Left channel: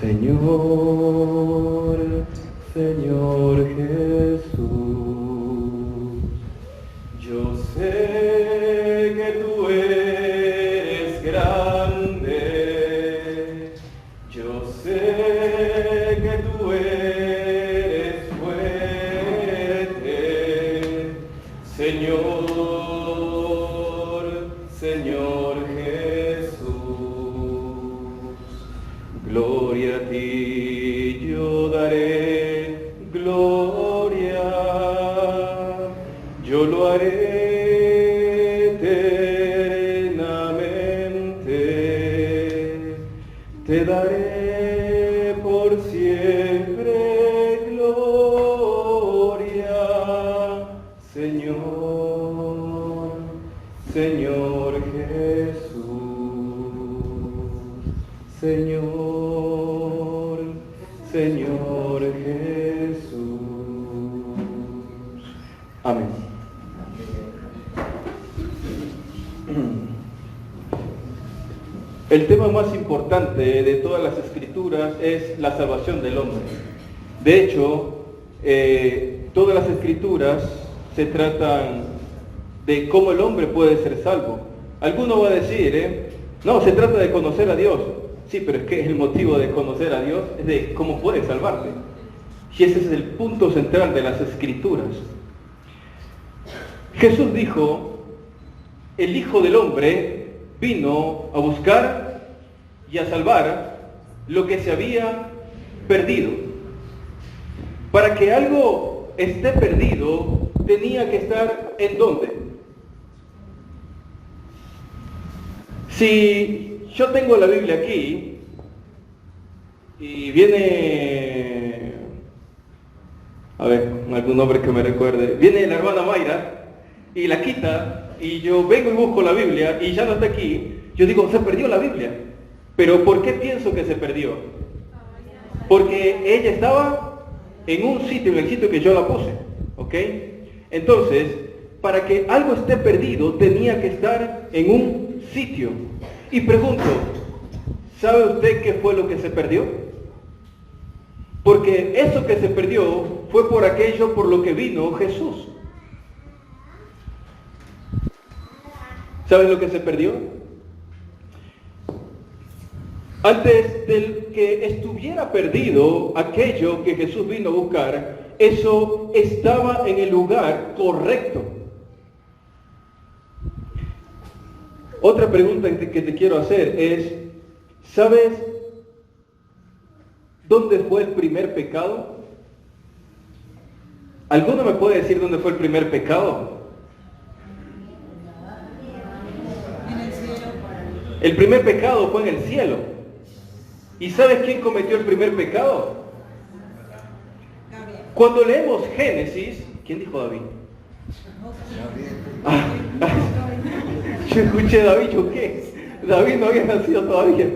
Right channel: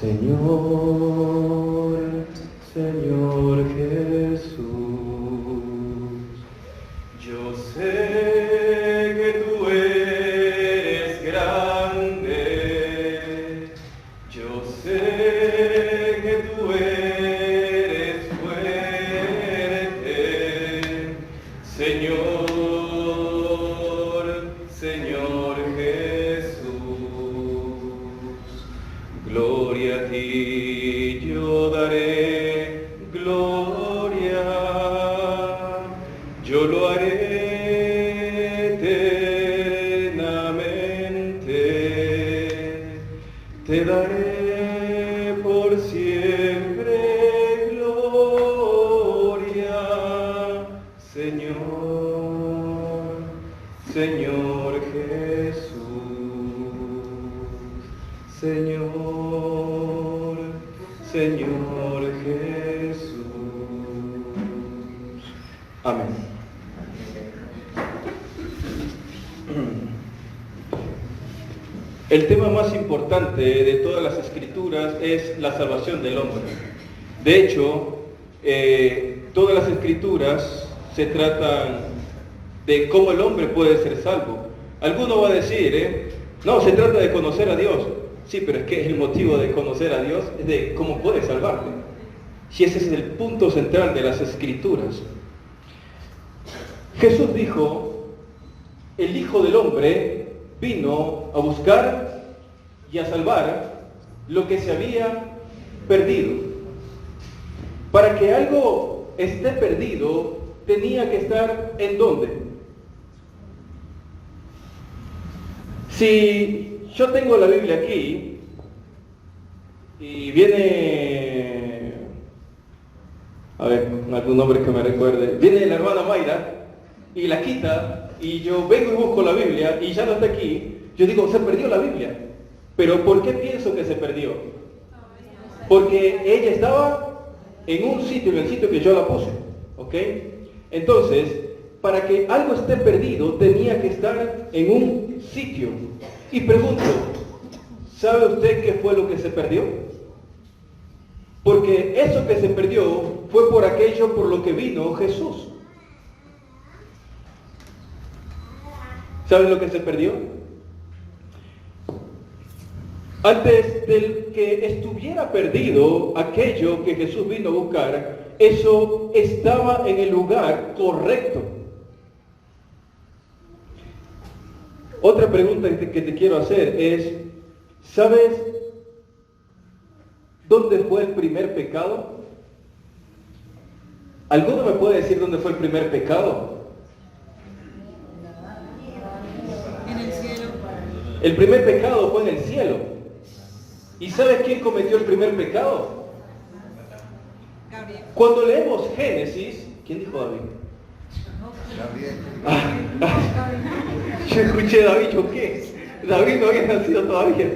Señor, Señor Jesús, yo sé que tú eres grande, yo sé que tú eres fuerte, Señor, Señor Jesús, gloria a ti yo daré, gloria, yo lo haré eternamente, te daré por siempre gloria, Señor, Señor Jesús, Señor, Señor Jesús. Amén. El tema más importante de todas las escrituras es la salvación del hombre. De hecho, todas las escrituras se tratan de cómo el hombre puede ser salvo. Alguno va a decir, no, se trata de conocer a Dios. Sí, pero es que el motivo de conocer a Dios es de cómo puede salvarte. Y ese es el punto central de las escrituras. Jesús dijo, el Hijo del Hombre vino a buscar y a salvar lo que se había perdido. Para que algo esté perdido, tenía que estar ¿en dónde? Si yo tengo la Biblia aquí y viene, a ver, algún nombre que me recuerde, viene la hermana Mayra y la quita y yo vengo y busco la Biblia y ya no está aquí, yo digo, se perdió la Biblia. Pero ¿por qué pienso que se perdió? Porque ella estaba en un sitio, en el sitio que yo la puse, ¿ok? Entonces, para que algo esté perdido, tenía que estar en un sitio. Y pregunto, ¿sabe usted qué fue lo que se perdió? Porque eso que se perdió fue por aquello por lo que vino Jesús. ¿Saben lo que se perdió? Antes del que estuviera perdido aquello que Jesús vino a buscar, eso estaba en el lugar correcto. Otra pregunta que te quiero hacer es, ¿sabes dónde fue el primer pecado? ¿Alguno me puede decir dónde fue el primer pecado? El primer pecado fue en el cielo. ¿Y sabes quién cometió el primer pecado? Cuando leemos Génesis, ¿quién dijo David? Yo escuché David, ¿yo qué? David no había nacido todavía.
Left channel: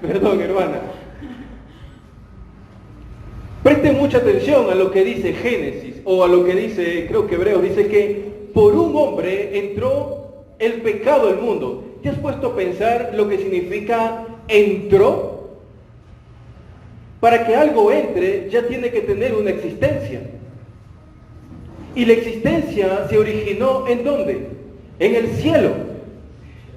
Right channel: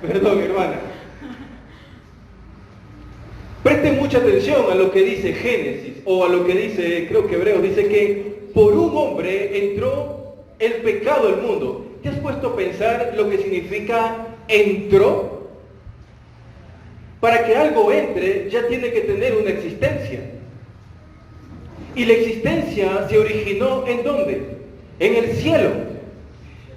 Perdón, hermana. Presten mucha atención a lo que dice Génesis, o a lo que dice, creo que Hebreos, dice que por un hombre entró el pecado al mundo. ¿Te has puesto a pensar lo que significa entró? Para que algo entre, ya tiene que tener una existencia. Y la existencia se originó ¿en dónde? En el cielo.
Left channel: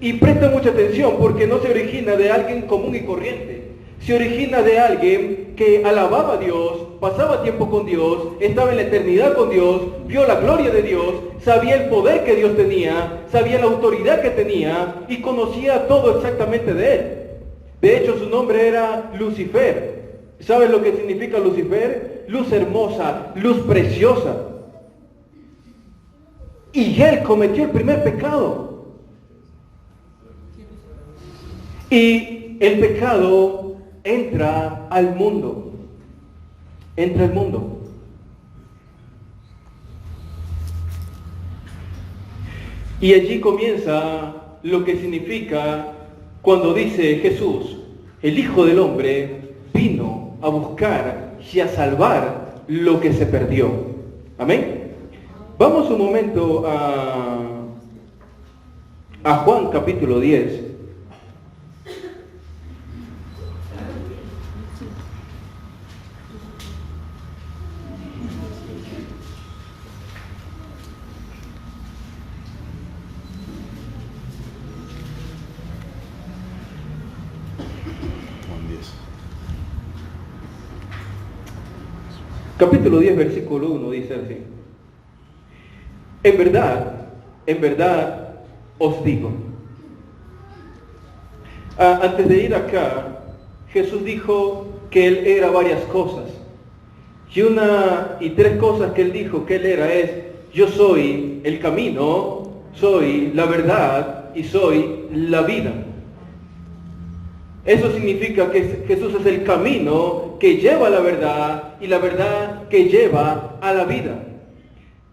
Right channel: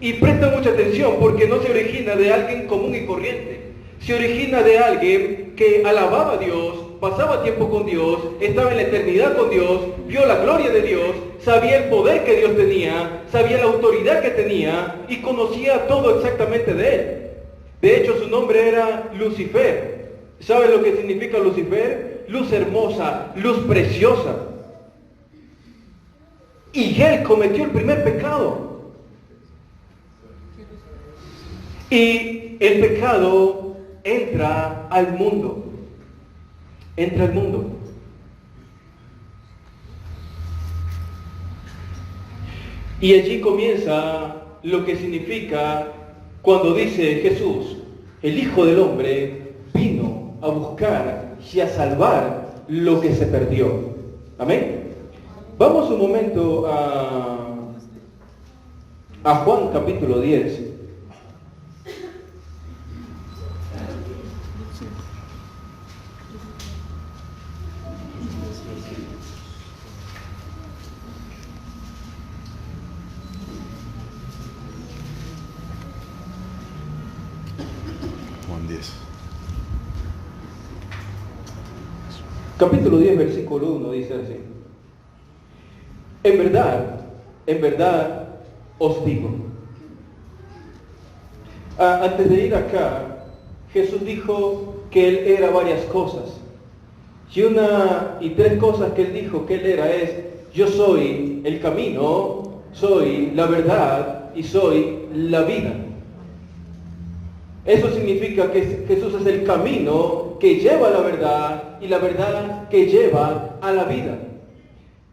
Y presta mucha atención porque no se origina de alguien común y corriente. Se origina de alguien que alababa a Dios, pasaba tiempo con Dios, estaba en la eternidad con Dios, vio la gloria de Dios, sabía el poder que Dios tenía, sabía la autoridad que tenía y conocía todo exactamente de él. De hecho, su nombre era Lucifer. ¿Sabes lo que significa Lucifer? Luz hermosa, luz preciosa. Y él cometió el primer pecado. Y el pecado entra al mundo. Entra al mundo. Y allí comienza lo que significa cuando dice Jesús, el Hijo del Hombre vino a buscar y a salvar lo que se perdió. Amén. Vamos un momento a Juan capítulo 10. Capítulo 10, versículo 1 dice así: en verdad os digo. Antes de ir acá, Jesús dijo que Él era varias cosas. Y tres cosas que Él dijo que Él era es: yo soy el camino, soy la verdad y soy la vida. Eso significa que Jesús es el camino que lleva a la verdad y la verdad que lleva a la vida.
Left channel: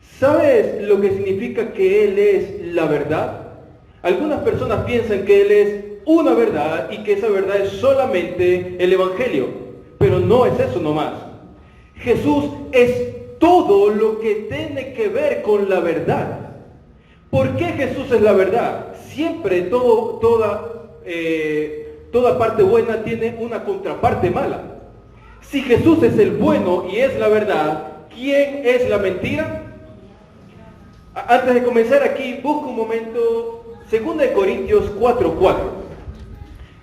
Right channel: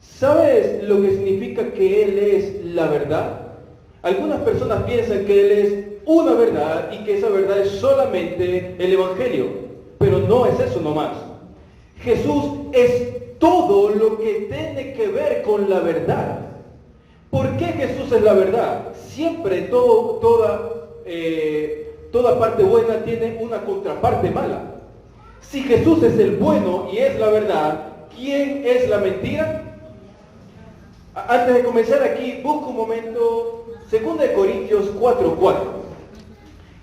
¿Sabes lo que significa que Él es la verdad? Algunas personas piensan que Él es una verdad y que esa verdad es solamente el Evangelio, pero no es eso nomás. Jesús es todo lo que tiene que ver con la verdad. ¿Por qué Jesús es la verdad? Siempre toda parte buena tiene una contraparte mala. Si Jesús es el bueno y es la verdad, ¿quién es la mentira? Antes de comenzar aquí, busca un momento 2 Corintios 4:4.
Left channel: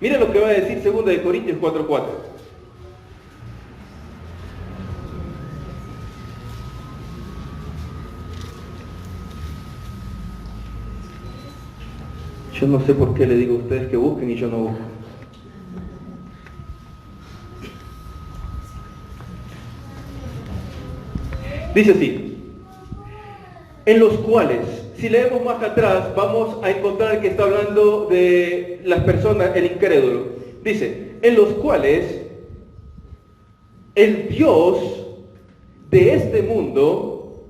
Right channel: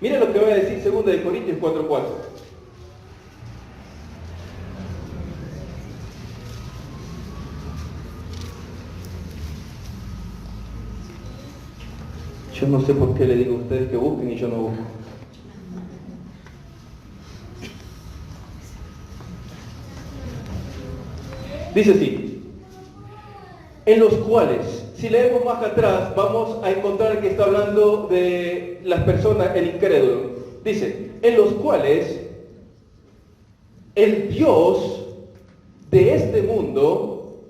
Mira lo que va a decir 2 Corintios 4:4. Yo no sé por qué le digo a ustedes que busquen y yo no busco. Dice así: en los cuales, si leemos más atrás, vamos a encontrar que está hablando de las personas, el incrédulo. Dice: en los cuales el Dios de este mundo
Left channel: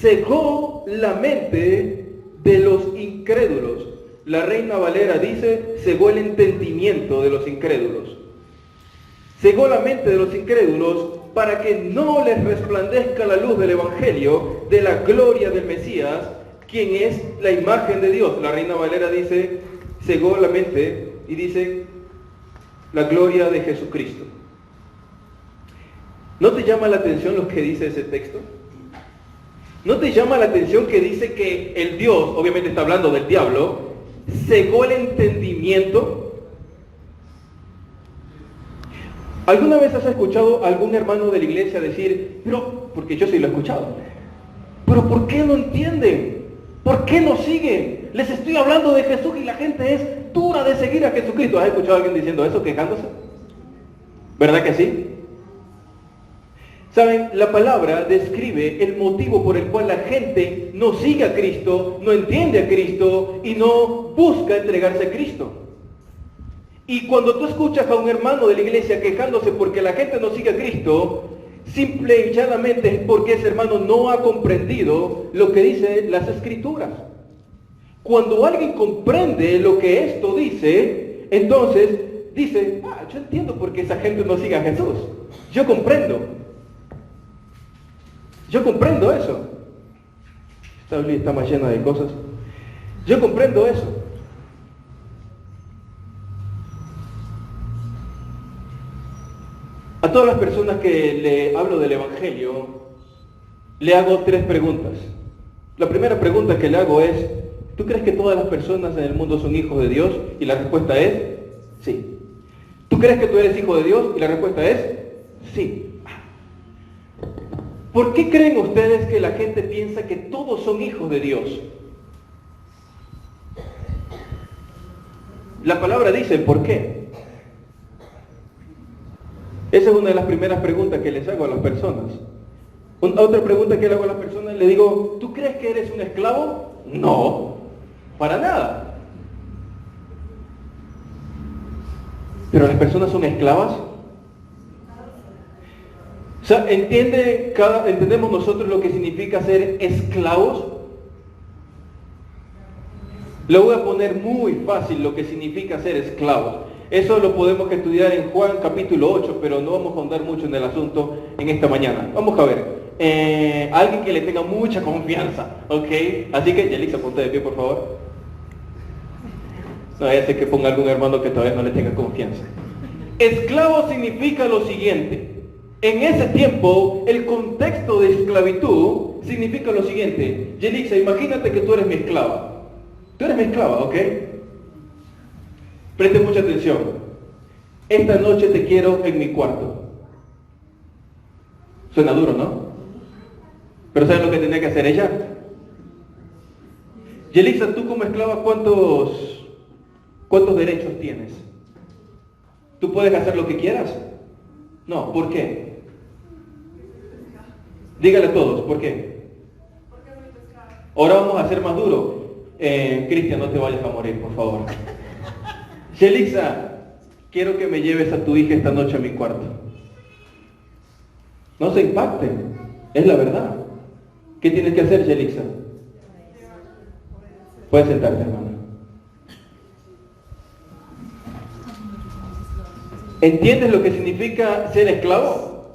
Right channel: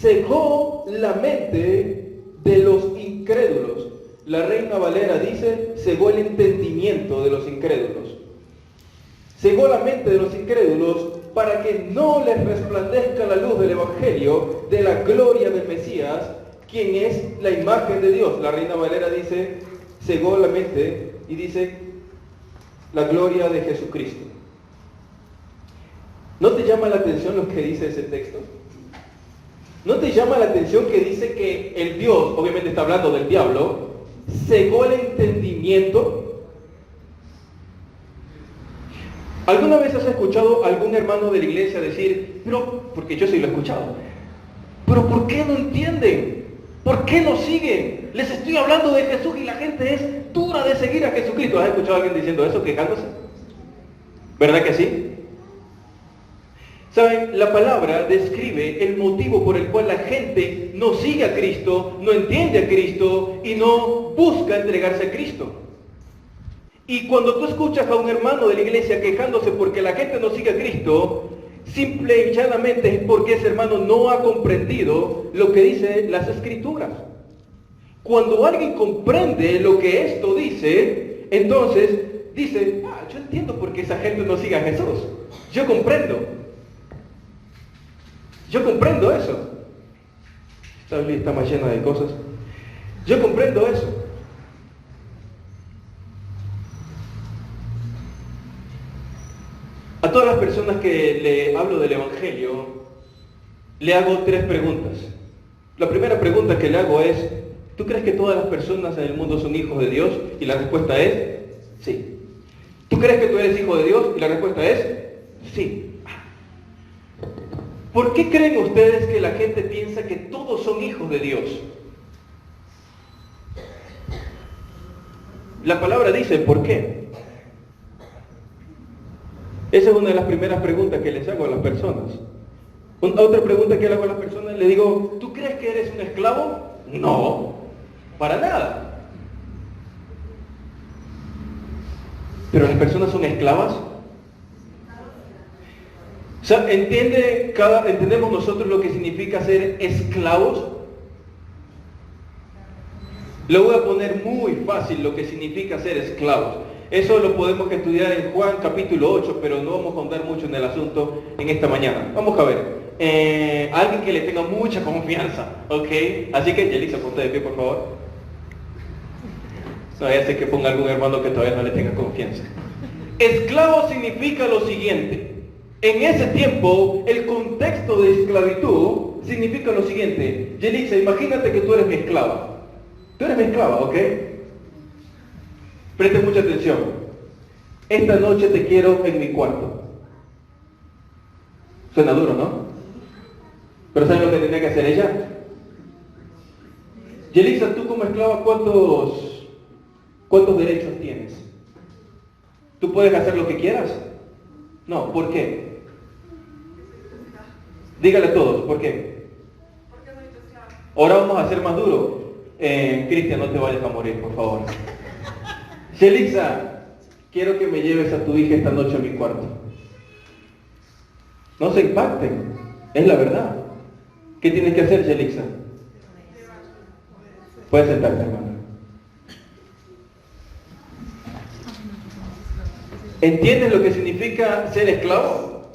cegó la mente de los incrédulos. La Reina Valera dice: cegó el entendimiento de los incrédulos. Cegó la mente de los incrédulos para que no les resplandezca la luz del Evangelio, de la gloria del Mesías, quien es la imagen de Dios. La Reina Valera dice: cegó la mente, y dice: la gloria de Jesucristo. ¿No te llama la atención lo que dice ese texto? ¿No te llama la atención que dice que el Dios, obviamente está hablando del diablo, cegó el entendimiento? ¿Alguna vez has escuchado a algún hermano de la iglesia decir, pero, porque yo sí lo he escuchado, pero ¿por qué no entienden? ¿Por qué no siguen? Les estoy hablando de Jesús y la gente es dura de seguir a Jesucristo. ¿Has escuchado a alguien diciendo eso, quejándose? ¿Verdad que sí? ¿Saben? La palabra describe el motivo por el cual la gente no sigue a Cristo, no entiende a Cristo y no busca entregarse a Cristo. Y cuando tú escuchas a un hermano de la iglesia quejándose porque la gente no sigue a Cristo, simple y llanamente es porque ese hermano no ha comprendido lo que dicen las Escrituras. Cuando alguien comprende lo que esto dice, entonces dice: yo entiendo por qué esa gente no sigue a Jesús. Yo comprendo eso. Esta Biblia está más llena de cosas. Yo comprendo eso. A todas las personas que le hablo del Evangelio, le hago 3 preguntas. La primera pregunta que le hago es: ¿tú crees que todas las personas en el mundo son hijos de Dios? Y la respuesta es sí. ¿Tú crees que tú eres hijo de Dios? Y la respuesta es sí. ¿Por qué creen ustedes que la gente piensa que todos son hijos de Dios? La palabra dice ¿por qué? Esa es una de las primeras preguntas que les hago a las personas. Otra pregunta que le hago a las personas, le digo: ¿tú crees que eres un esclavo? No, para nada. ¿Pero las personas son esclavas? O sea, ¿entendemos nosotros lo que significa ser esclavos? Le voy a poner muy fácil lo que significa ser esclavos. Eso lo podemos estudiar en Juan capítulo 8, pero no vamos a ahondar mucho en el asunto en esta mañana. Vamos a ver. Alguien que le tenga mucha confianza, ¿ok? Así que, Yelisa, ponte de pie, por favor. No, ya sé que ponga algún hermano que todavía no le tenga confianza. Esclavo significa lo siguiente. En ese tiempo, el contexto de esclavitud significa lo siguiente. Yelisa, imagínate que tú eres mi esclava. Tú eres mi esclava, ¿ok? Preste mucha atención. Esta noche te quiero en mi cuarto. Suena duro, ¿no? Pero ¿saben lo que tiene que hacer ella? Yelixa, tú como esclava, ¿cuántos derechos tienes? ¿Tú puedes hacer lo que quieras? No, ¿por qué? Dígale a todos, ¿por qué? Ahora vamos a hacer más duro. Cristian, no te vayas a morir, por favor. Yelixa, quiero que me lleves a tu hija esta noche a mi cuarto. No se impacten, es la verdad. ¿Qué tienes que hacer, Yelixa? Puedes sentarte, hermano. ¿Entiendes lo que significa ser esclavo?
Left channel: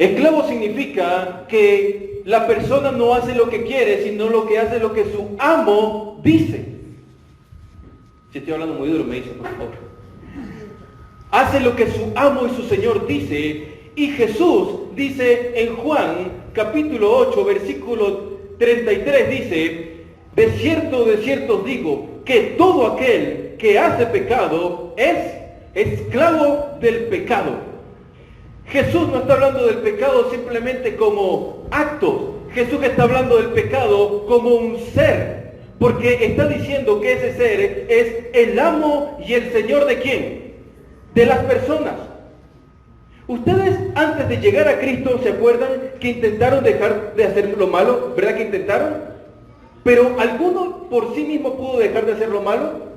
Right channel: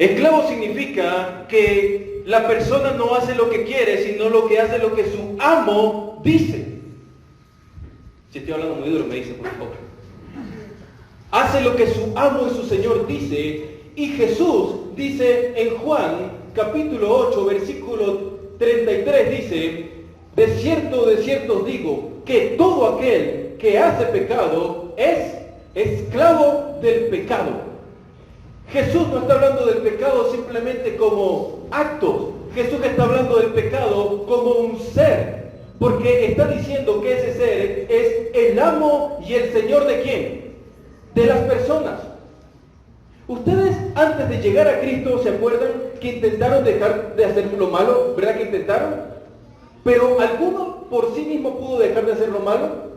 Esclavo significa que la persona no hace lo que quiere, sino lo que hace lo que su amo dice. Si estoy hablando muy duro, me dice, por favor. Hace lo que su amo y su Señor dice. Y Jesús dice en Juan capítulo 8, versículo 33, dice: de cierto os digo, que todo aquel que hace pecado es esclavo del pecado. Jesús no está hablando del pecado simplemente como actos. Jesús está hablando del pecado como un ser. Porque está diciendo que ese ser es el amo y el Señor ¿de quién? De las personas. Ustedes antes de llegar a Cristo, ¿se acuerdan que intentaron dejar de hacer lo malo? ¿Verdad que intentaron? Pero ¿alguno por sí mismo pudo dejar de hacer lo malo?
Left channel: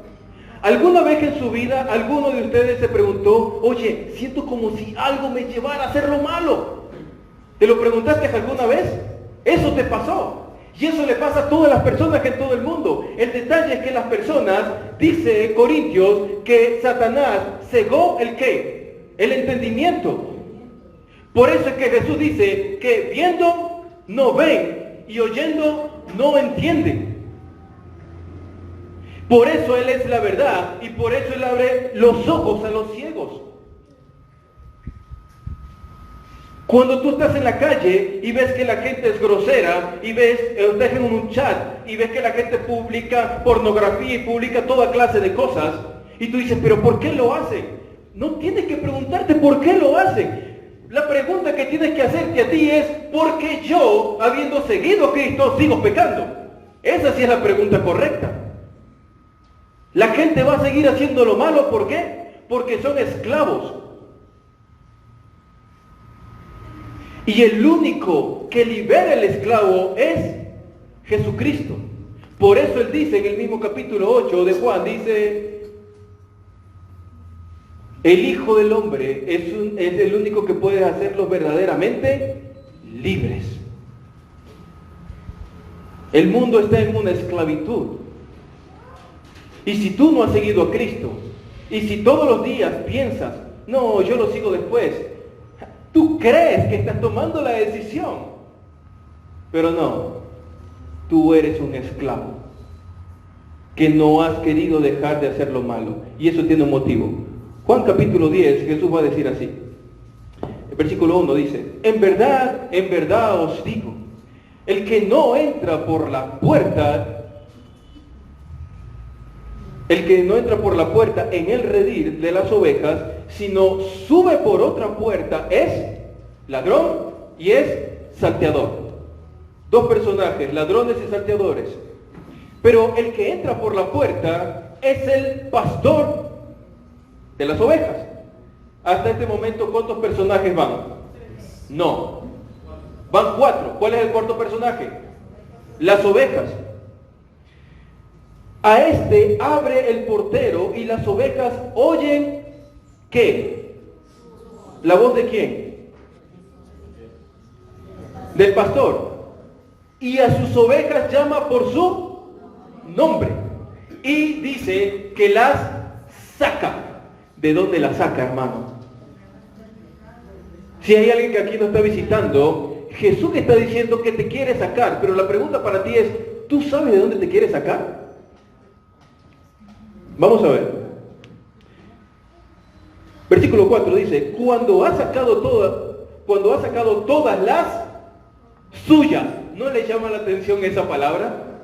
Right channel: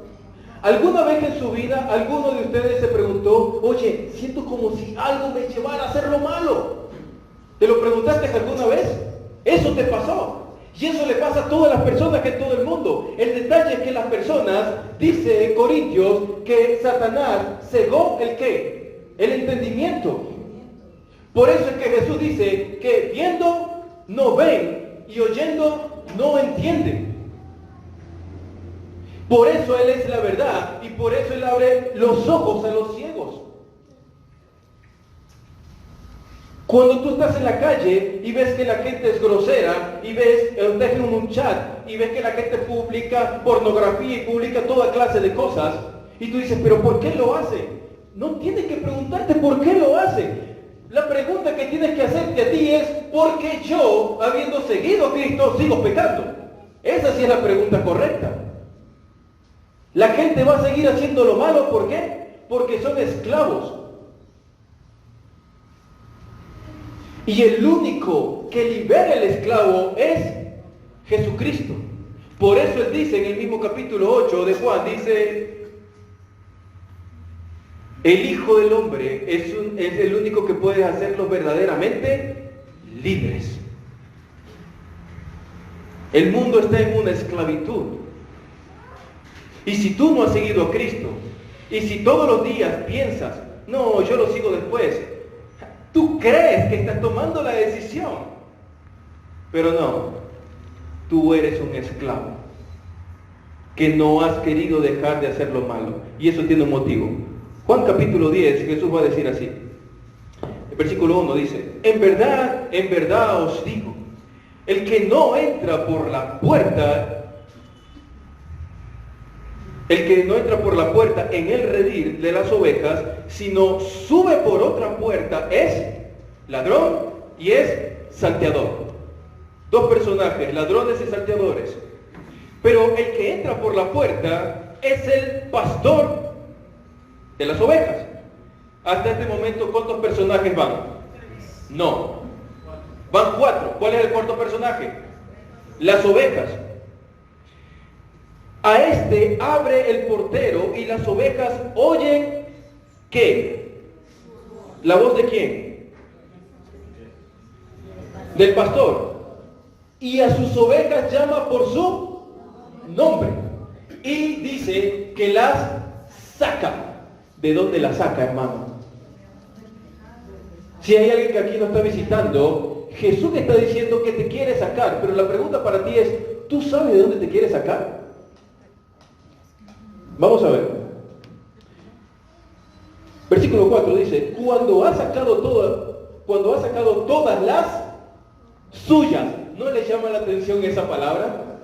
¿Alguna vez en su vida alguno de ustedes se preguntó, oye, siento como si algo me llevara a hacer lo malo? ¿Te lo preguntaste alguna vez? Eso te pasó. Y eso le pasa a todas las personas en todo el mundo. El detalle es que las personas, dice Corintios, que Satanás cegó el ¿qué? El entendimiento. Por eso es que Jesús dice que viendo no ven y oyendo no entienden. Por eso Él es la verdad y por eso Él abre los ojos a los ciegos. Cuando tú estás en la calle y ves que la gente es grosera y ves, estás en un chat y ves que la gente publica pornografía y publica toda clase de cosas y tú dices, pero ¿por qué lo hacen? No tienes que preguntarte por qué lo hacen. La pregunta que tienes que hacerte a ti es, ¿por qué yo, habiendo seguido a Cristo, sigo pecando? Esa sí es la pregunta correcta. La gente va a seguir haciendo lo malo, ¿por qué? Porque son esclavos. Y el único que libera el esclavo es Jesucristo. Por eso Él dice en el mismo capítulo 8 de Juan, dice, el Hijo del Hombre es el único que puede hacerlos verdaderamente libres. El mundo está en una esclavitud. Y si tú no has seguido a Cristo, y si todos los días piensas, no, yo lo sigo después, tú crees que estás tomando la decisión, pero no, tú eres un esclavo, que no has querido dejar de hacer lo malo, y eso tiene un motivo. Juan capítulo 10, Jesús va a decir así, el versículo 1 dice, en verdad os digo, el que no entra por la puerta, en el redil de las ovejas, sino sube por otra puerta, es ladrón y es salteador. Dos personajes, ladrones y salteadores. Pero el que entra por la puerta es el pastor de las ovejas. Hasta este momento, ¿cuántos personajes van? No. Van 4. ¿Cuál es el cuarto personaje? Las ovejas. A este abre el portero y las ovejas oyen ¿qué? ¿La voz de quién? Del pastor. Y a sus ovejas llama por su nombre. Y dice que las saca. ¿De dónde las saca, hermano? Si hay alguien que aquí nos está visitando, Jesús está diciendo que te quiere sacar, pero la pregunta para ti es, ¿tú sabes de dónde te quiere sacar? Vamos a ver. Versículo 4 dice, cuando ha sacado todas las suyas. ¿No le llama la atención esa palabra?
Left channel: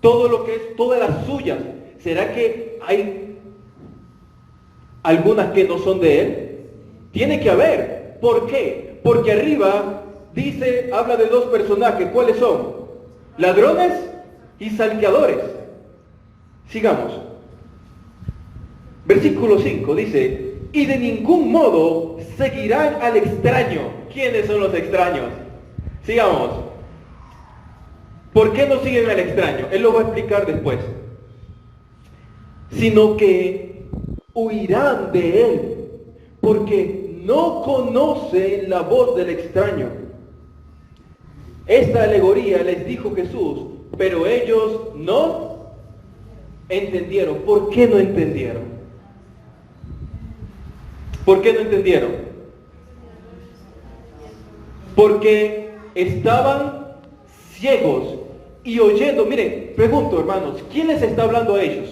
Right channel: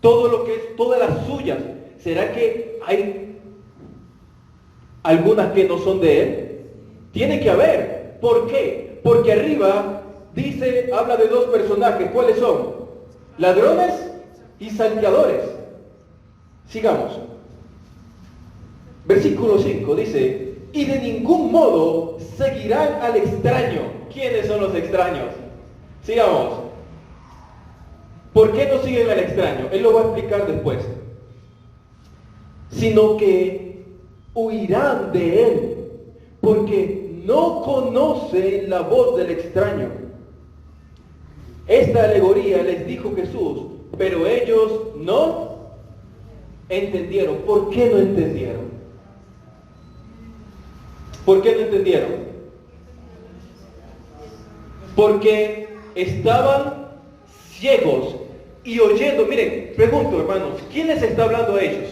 Todo lo que es, todas las suyas. ¿Será que hay algunas que no son de Él? Tiene que haber. ¿Por qué? Porque arriba dice, habla de dos personajes. ¿Cuáles son? Ladrones y salteadores. Sigamos. Versículo 5 dice, y de ningún modo seguirán al extraño. ¿Quiénes son los extraños? Sigamos. ¿Por qué no siguen al extraño? Él lo va a explicar después. Sino que huirán de él, porque no conocen la voz del extraño. Esta alegoría les dijo Jesús, pero ellos no entendieron. ¿Por qué no entendieron? ¿Por qué no entendieron? Porque estaban ciegos y oyendo. Miren, pregunto, hermanos, ¿quién les está hablando a ellos?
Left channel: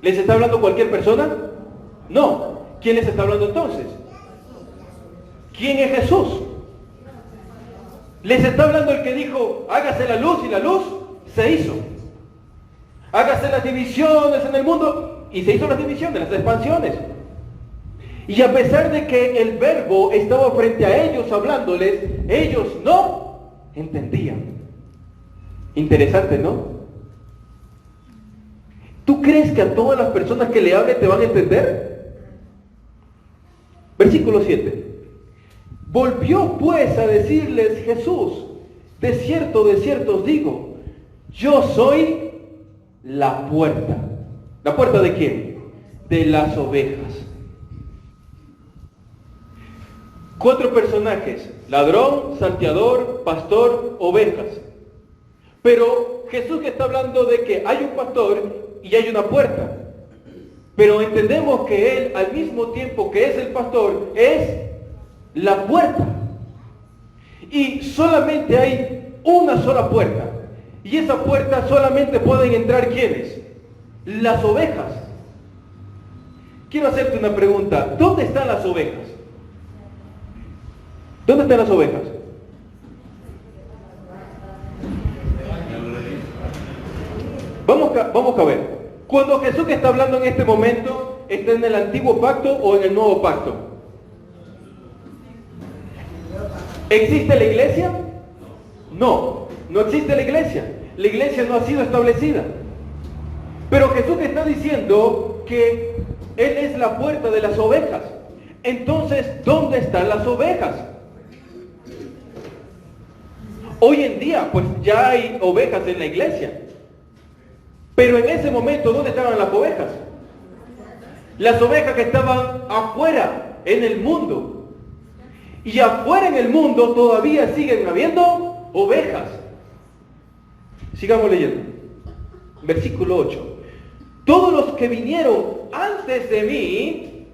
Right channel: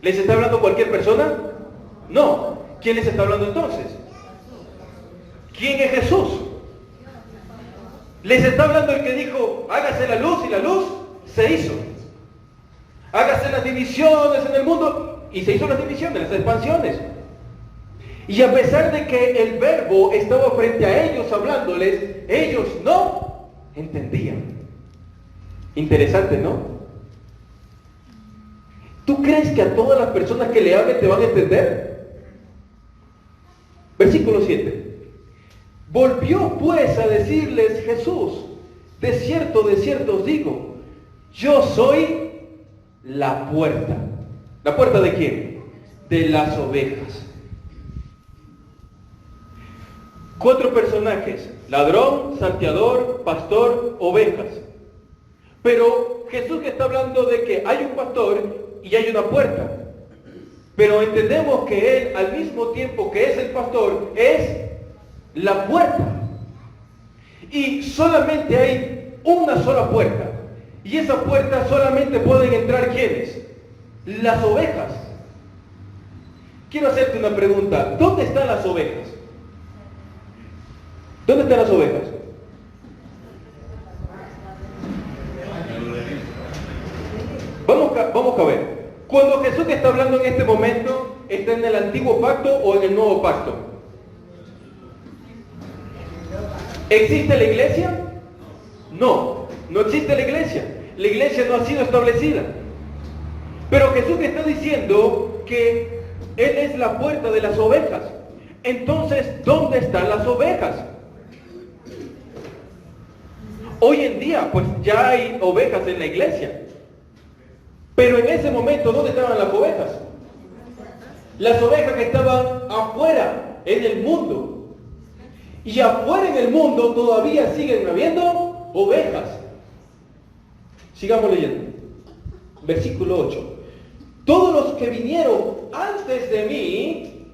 ¿Les está hablando cualquier persona? No. ¿Quién les está hablando entonces? ¿Quién es Jesús? Les está hablando el que dijo, hágase la luz, y la luz se hizo. Hágase las divisiones en el mundo, y se hizo las divisiones, las expansiones. Y a pesar de que el verbo estaba frente a ellos hablándoles, ellos no entendían. Interesante, ¿no? ¿Tú crees que a todas las personas que le hablen te van a entender? Versículo 7. Volvió pues a decirles Jesús, de cierto os digo, yo soy la puerta. ¿La puerta de quién? De las ovejas. 4 personajes: ladrón, salteador, pastor, ovejas. Pero Jesús que está hablando de que hay un pastor y hay una puerta. Pero entendemos que Él, al mismo tiempo que es el pastor, es la puerta. Y solamente hay una sola puerta. Y esa puerta solamente pueden entrar ¿quiénes? Las ovejas. Quiero hacerte una pregunta. ¿Dónde están las ovejas? ¿Dónde están las ovejas? Vamos a ver. Cuando Jesús está hablando en este momento, ¿está en el antiguo pacto o en el nuevo pacto? ¿Existe la iglesia? No, no existe la iglesia. La iglesia no ha sido establecida. Pero Jesús está diciendo que Él es la puerta de las ovejas. Entonces, ¿dónde están las ovejas? Hoy en día, pues ya hay ovejas en la iglesia. Pero en ese momento, ¿dónde estaban las ovejas? Las ovejas que estaban afuera, en el mundo. Y afuera en el mundo todavía siguen habiendo ovejas. Sigamos leyendo. Versículo 8. Todos los que vinieron antes de mí,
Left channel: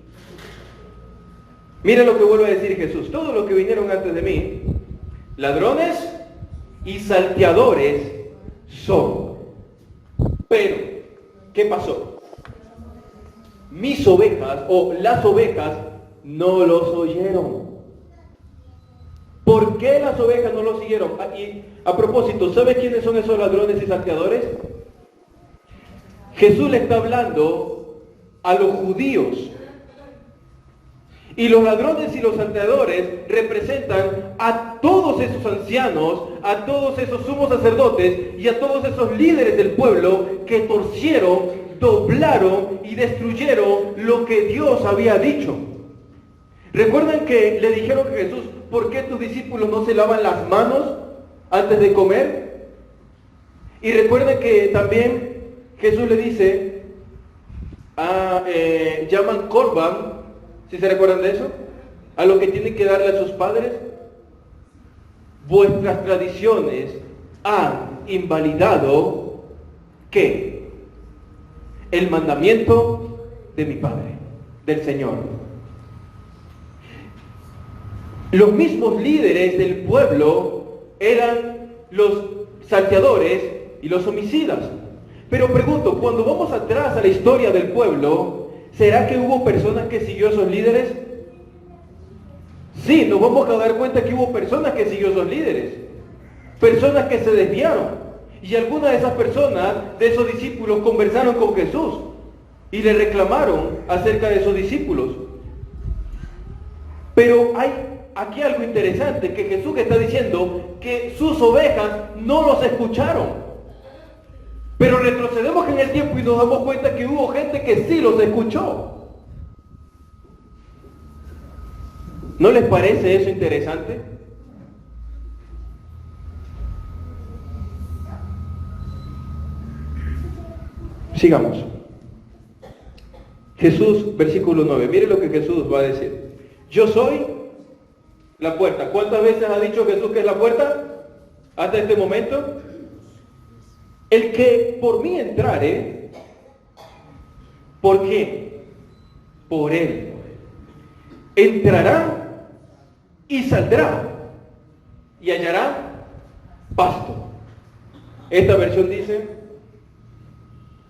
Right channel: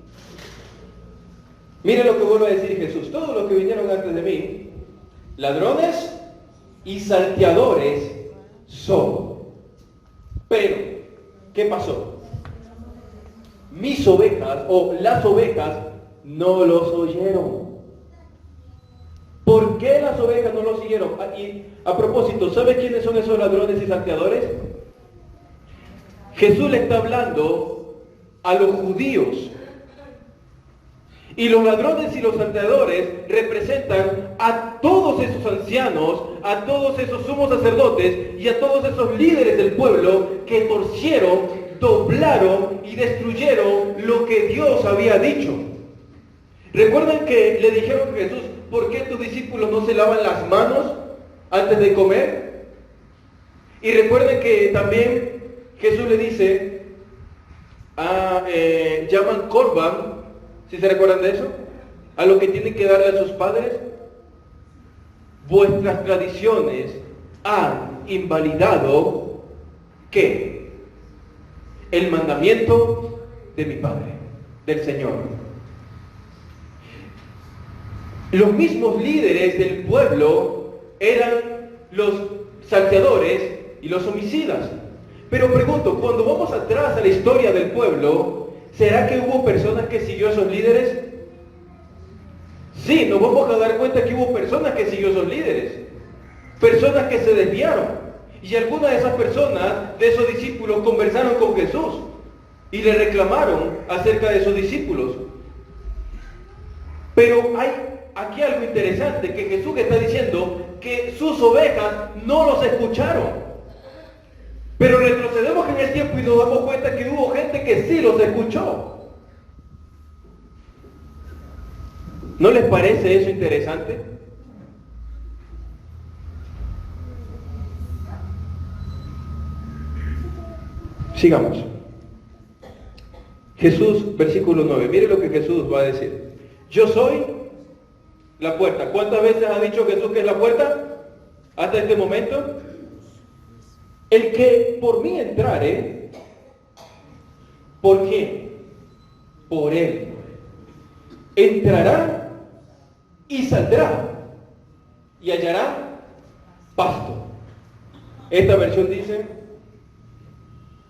miren lo que vuelve a decir Jesús, todos los que vinieron antes de mí, ladrones y salteadores son. Pero, ¿qué pasó? Mis ovejas, o las ovejas, no los oyeron. ¿Por qué las ovejas no los siguieron? Y a propósito, ¿sabes quiénes son esos ladrones y salteadores? Jesús le está hablando a los judíos. Y los ladrones y los salteadores representan a todos esos ancianos, a todos esos sumos sacerdotes y a todos esos líderes del pueblo que torcieron, doblaron y destruyeron lo que Dios había dicho. ¿Recuerdan que le dijeron a Jesús, ¿por qué tus discípulos no se lavan las manos antes de comer? Y recuerdan que también Jesús le dice, llaman Corban, ¿sí se recuerdan de eso? A lo que tienen que darle a sus padres. Vuestras tradiciones han invalidado ¿qué? El mandamiento de mi Padre, del Señor. Los mismos líderes del pueblo eran los salteadores y los homicidas. Pero pregunto, cuando vamos atrás a la historia del pueblo, ¿será que hubo personas que siguió a esos líderes? Sí, nos vamos a dar cuenta que hubo personas que siguió a esos líderes. Personas que se desviaron. Y algunas de esas personas, de esos discípulos, conversaron con Jesús y le reclamaron acerca de esos discípulos. Pero hay aquí algo interesante, que Jesús está diciendo que sus ovejas no los escucharon. Pero retrocedemos en el tiempo y nos damos cuenta que hubo gente que sí los escuchó. ¿No les parece eso interesante? Sigamos. Jesús, versículo 9. Mire lo que Jesús va a decir. Yo soy la puerta. ¿Cuántas veces ha dicho Jesús que es la puerta? Hasta este momento. El que por mí entrare, ¿por qué? Por él. Entrará y saldrá y hallará pasto. Esta versión dice,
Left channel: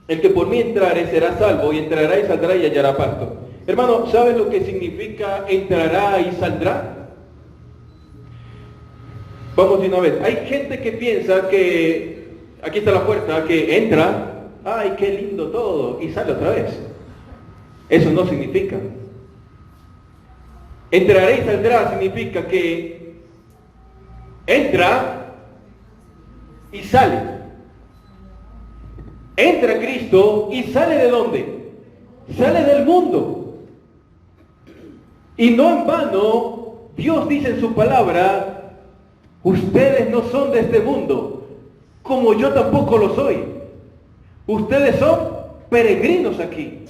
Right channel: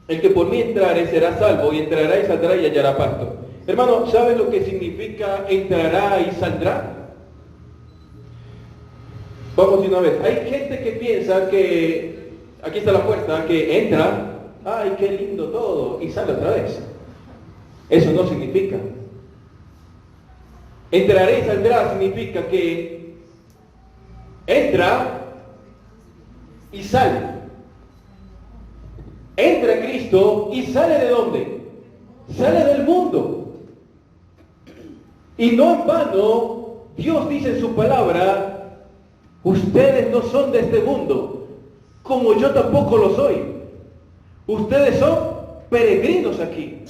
el que por mí entrare será salvo, y entrará y saldrá y hallará pasto. Hermano, ¿sabes lo que significa entrará y saldrá? Vamos de una vez. Hay gente que piensa que, aquí está la puerta, que entra, ay, qué lindo todo, y sale otra vez. Eso no significa. Entrará y saldrá significa que entra y sale. Entra Cristo y sale ¿de dónde? Sale del mundo. Y no en vano, Dios dice en su palabra, ustedes no son de este mundo, como yo tampoco lo soy. Ustedes son peregrinos aquí.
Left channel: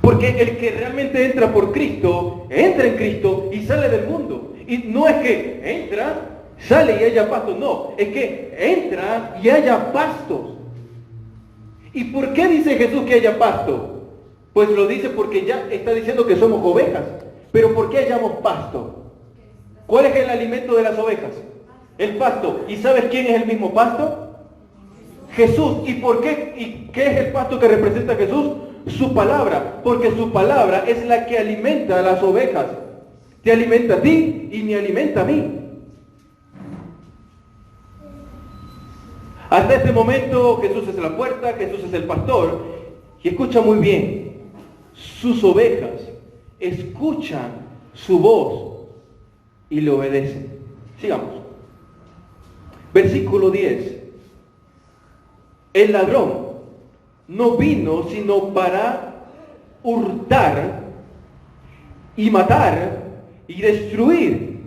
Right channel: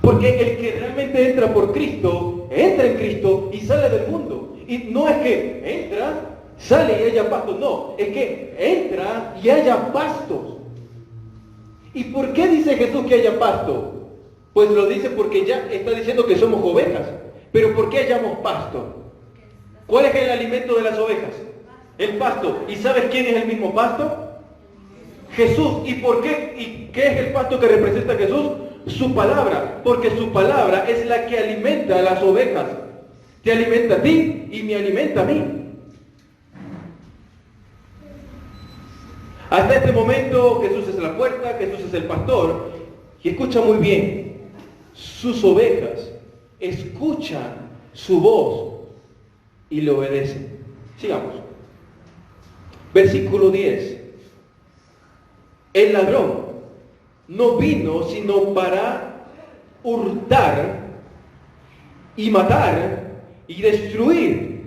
Porque el que realmente entra por Cristo, entra en Cristo y sale del mundo. Y no es que entra, sale y haya pastos, no, es que entra y haya pastos. ¿Y por qué dice Jesús que haya pasto? Pues lo dice porque ya está diciendo que somos ovejas. Pero ¿por qué hayamos pasto? ¿Cuál es el alimento de las ovejas? El pasto. ¿Y sabes quién es el mismo pasto? Jesús. ¿Y por qué? ¿Y qué es el pasto que representa Jesús? Su palabra, porque su palabra es la que alimenta a las ovejas. Te alimenta a ti y me alimenta a mí. Hasta este momento Jesús es la puerta, Jesús es el pastor. Y escucha muy bien, sus ovejas escuchan su voz y le obedecen. Sigamos. Versículo 10. El ladrón no vino sino para hurtar y matar y destruir.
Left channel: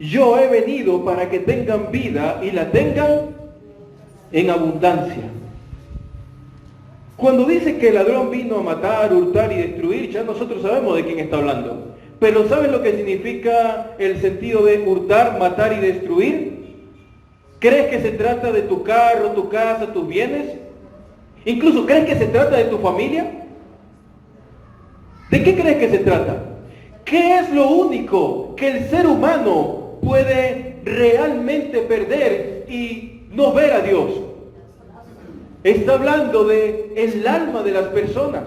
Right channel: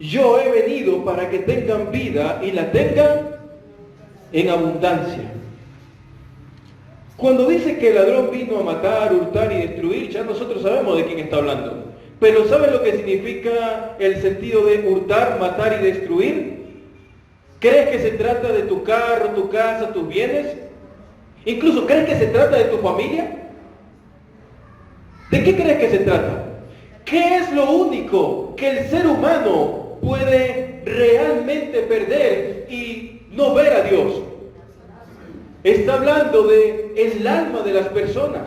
Yo he venido para que tengan vida y la tengan en abundancia. Cuando dice que el ladrón vino a matar, hurtar y destruir, ya nosotros sabemos de quién está hablando. Pero ¿sabes lo que significa el sentido de hurtar, matar y destruir? ¿Crees que se trata de tu carro, tu casa, tus bienes? Incluso, ¿crees que se trata de tu familia? ¿De qué crees que se trata? ¿Qué es lo único que el ser humano puede realmente perder y no ver a Dios? Está hablando de el alma de las personas.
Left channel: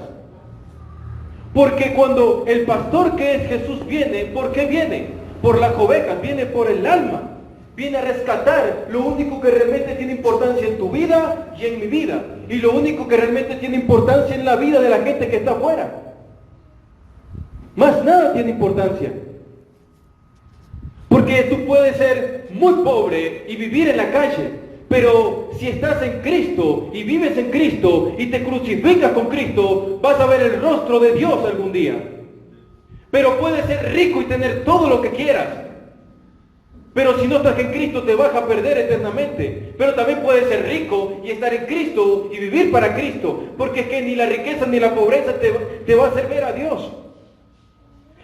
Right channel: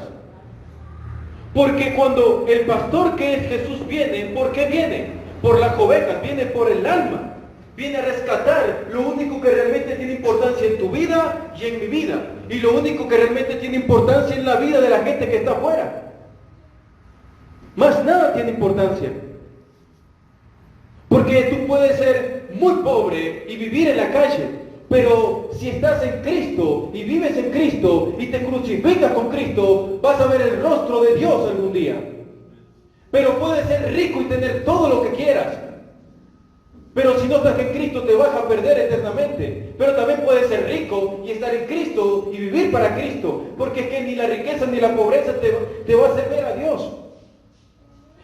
Porque cuando el pastor que es Jesús viene, ¿por qué viene? Por las ovejas, viene por el alma. Viene a rescatar lo único que realmente tiene importancia en tu vida y en mi vida. Y lo único que realmente tiene importancia en la vida de la gente que está afuera. Más nada tiene importancia. Porque tú puedes ser muy pobre y vivir en la calle, pero si estás en Cristo y vives en Cristo y te crucificas con Cristo, vas a ver el rostro de Dios algún día. Pero puedes ser rico y tener todo lo que quieras, pero si no estás en Cristo te vas a perder eternamente. Pero también puedes ser rico y estar en Cristo y vivir para Cristo, porque es que ni la riqueza ni la pobreza te va a hacer ver a Dios.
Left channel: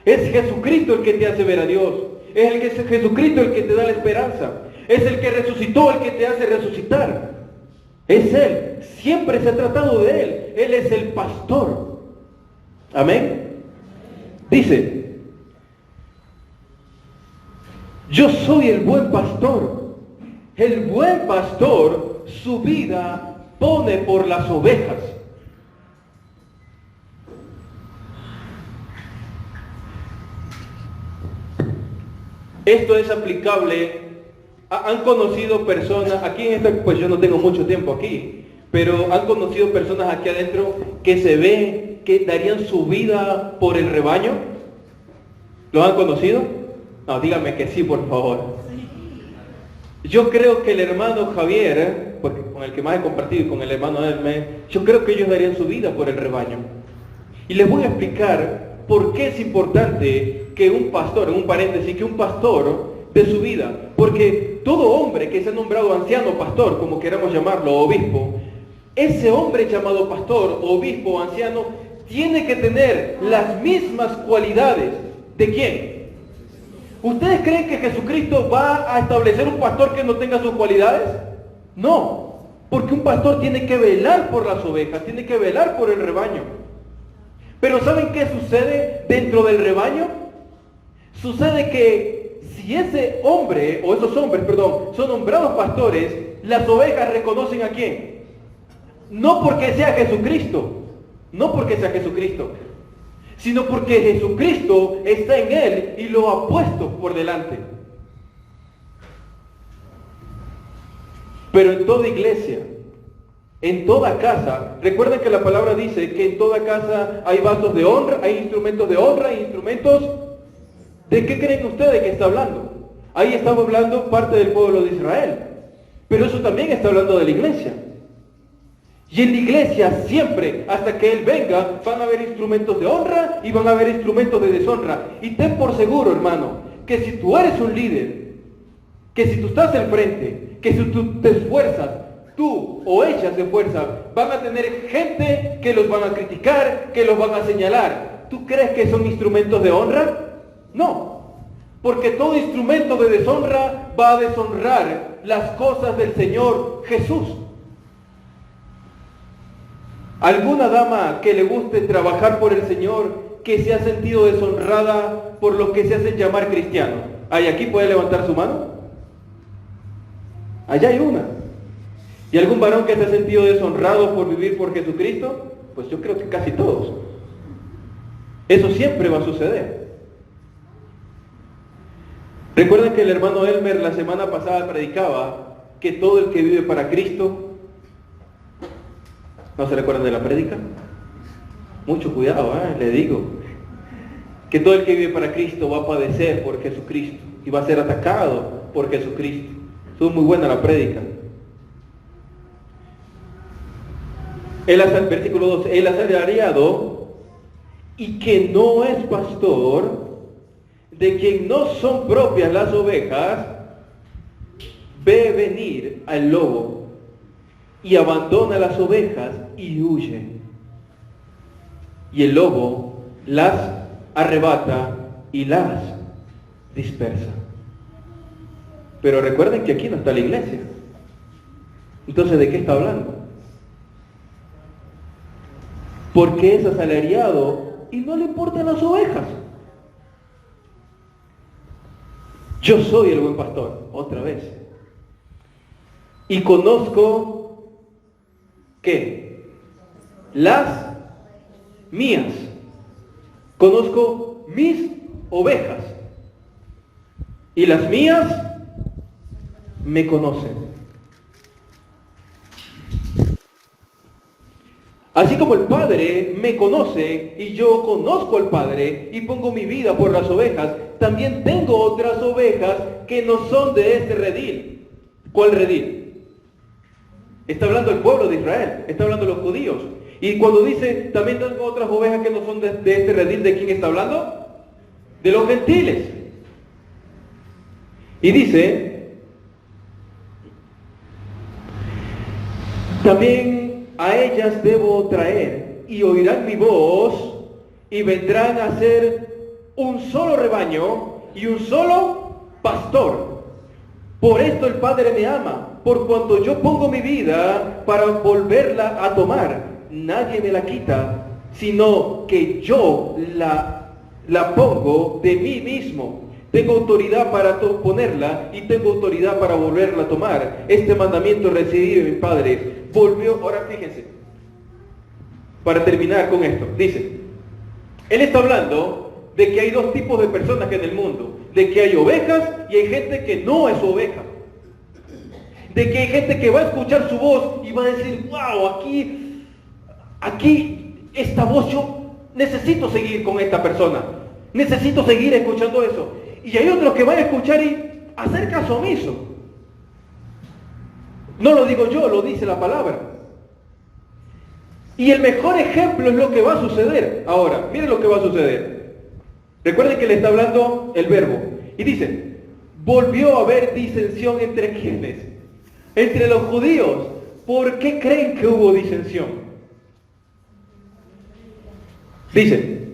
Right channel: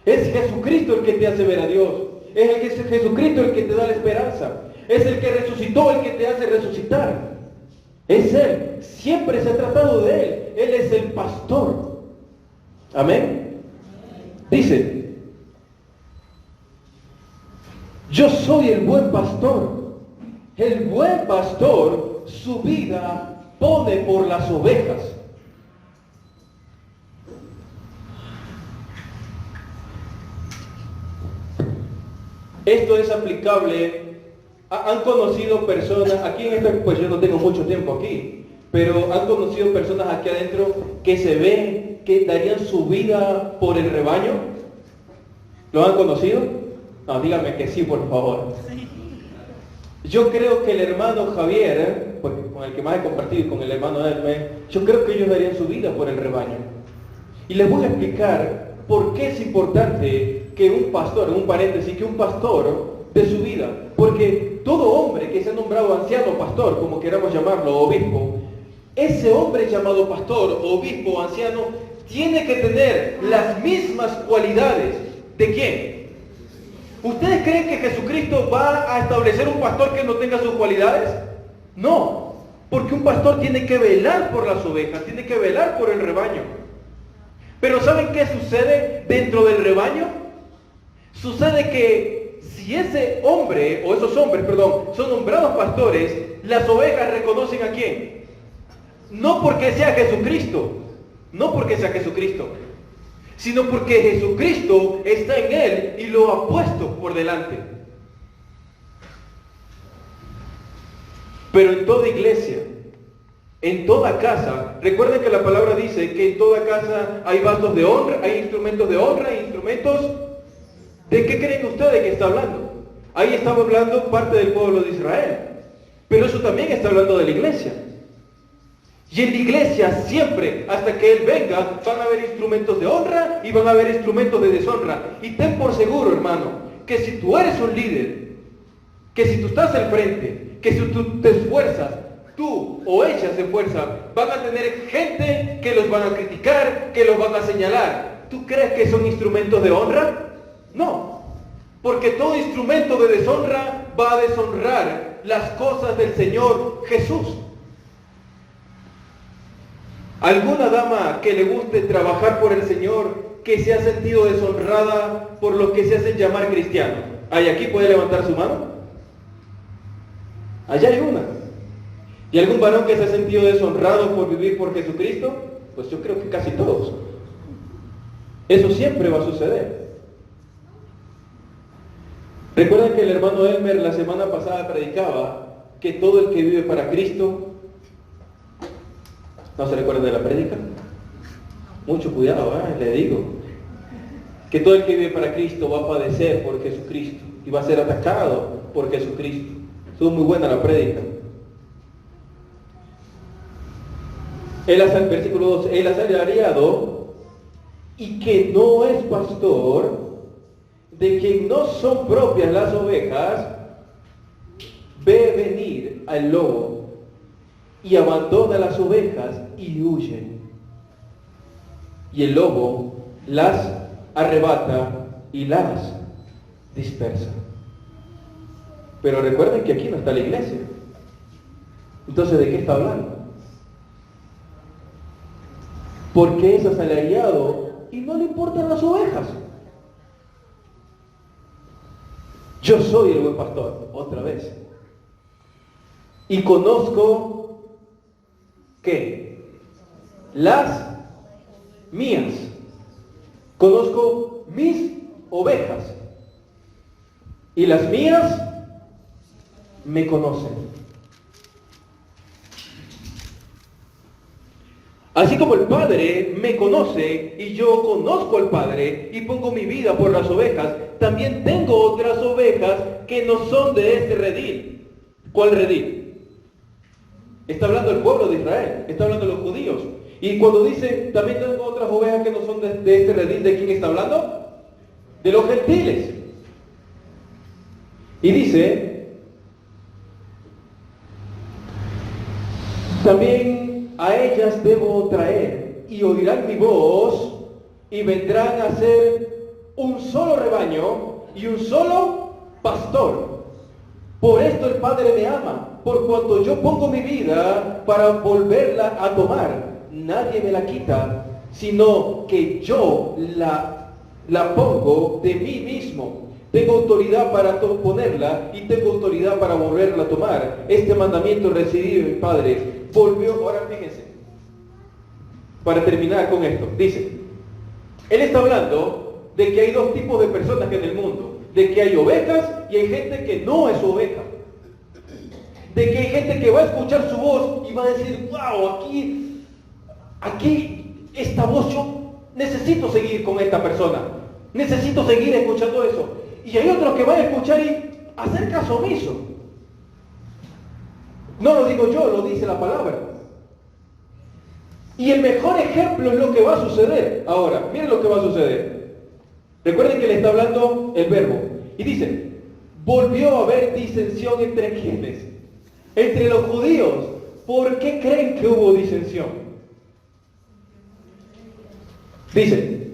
Es Jesucristo el que te hace ver a Dios. Es Jesucristo el que te da la esperanza. Es el que resucitó, el que te hace resucitar. Es Él. Siempre se ha tratado de Él. Él es el pastor. Amén. Dice, yo soy el buen pastor. El buen pastor su vida pone por las ovejas. Esto es aplicable. Han conocido personas, aquí en esta, pues yo no tengo mucho tiempo aquí, pero han conocido personas aquí adentro que se ven que darían su vida por el rebaño? ¿Lo han conocido? No, díganme que sí, por favor. Yo creo que el hermano Javier, porque con el que más he compartido, y con el hermano Elmer, yo creo que ellos darían su vida por el rebaño. Y les voy a explicar por qué es importante que un pastor, en un paréntesis, que un pastor dé su vida. Porque todo hombre que se ha nombrado anciano, pastor, como queramos llamarlo, obispo, ese hombre llamado pastor, obispo, anciano, tiene que tener las mismas cualidades. ¿De quién? ¿Ustedes creen que Jesucristo va a establecer un pastor que no tenga sus cualidades? No, porque un pastor tiene que velar por las ovejas, tiene que velar por el rebaño. Pero ¿saben qué sucede dentro del rebaño? Sucede que si ese hombre, o esos hombres, perdón, son nombrados pastores, las ovejas reconocen ¿a quién? No porque sea Jesucristo, no porque sea Jesucristo, sino porque Jesucristo está en él y lo ha puesto por delante. Pero en toda iglesia, en toda casa, recuerden que la palabra dice que en toda casa hay vasos de honra, hay instrumentos de honra, hay instrumentos... ¿De qué creen ustedes que está hablando? Ahí estamos hablando parte del pueblo de Israel, pero eso también está hablando de la iglesia. Y en la iglesia siempre, hasta que Él venga, van a haber instrumentos de honra y van a haber instrumentos de deshonra. Y ten por seguro, hermano, que si tú eres un líder, que si tú estás al frente, que si tú te esfuerzas, tú o ellas se esfuerzan, van a tener gente que los van a criticar, que los van a señalar. ¿Tú crees que son instrumentos de honra? No, porque todo instrumento de deshonra va a deshonrar las cosas del Señor Jesús. ¿Alguna dama que le guste trabajar por el Señor que se ha sentido deshonrada por lo que se hacen llamar cristianos? ¿Hay aquí? ¿Puede levantar su mano? Allá hay una. ¿Y algún varón que se ha sentido deshonrado por vivir por Jesucristo? Pues yo creo que casi todos. Eso siempre va a suceder. Recuerden que el hermano Elmer la semana pasada predicaba que todo el que vive para Cristo... ¿No se recuerdan de la prédica? Mucho cuidado, le digo. Que todo el que vive para Cristo va a padecer por Jesucristo y va a ser atacado por Jesucristo. Eso es muy buena la prédica. El versículo 2, el asalariado y que no es pastor, de quien no son propias las ovejas, ve venir al lobo y abandona las ovejas y huye. Y el lobo las arrebata y las dispersa. Pero recuerden que aquí no está la iglesia. Entonces, ¿de qué está hablando? Porque es asalariado y no le importan las ovejas. Yo soy el buen pastor, otra vez. Y conozco, ¿qué? Las mías. Conozco mis ovejas. Y las mías me conocen. Así como el Padre me conoce y yo conozco al Padre y pongo mi vida por las ovejas, también tengo otras ovejas que no son de este redil. ¿Cuál redil? Está hablando el pueblo de Israel, está hablando los judíos. Y cuando dice, también tengo otras ovejas que no son de este redil, ¿de quién está hablando? De los gentiles. Y dice, también a ellas debo traer, y oirán mi voz, y vendrán a ser un solo rebaño y un solo pastor. Por esto el Padre me ama, por cuanto yo pongo mi vida para volverla a tomar. Nadie me la quita, sino que yo la pongo de mí mismo. Tengo autoridad para ponerla y tengo autoridad para volverla a tomar. Este mandamiento recibí de mis padres. Volvió, ahora fíjense, para terminar con esto, dice, él está hablando de que hay dos tipos de personas en el mundo, de que hay ovejas y hay gente que no es oveja, de que hay gente que va a escuchar su voz y va a decir, wow, aquí esta voz necesito seguir con esta persona, necesito seguir escuchando eso. Y hay otros que van a escuchar y hacer caso omiso. No lo digo yo, lo dice la palabra. Y el mejor ejemplo es lo que va a suceder. Ahora, miren lo que va a suceder. Recuerden que le está hablando el verbo. Y dice, volvió a haber disensión entre quienes, entre los judíos. ¿Por qué creen que hubo disensión? Dice,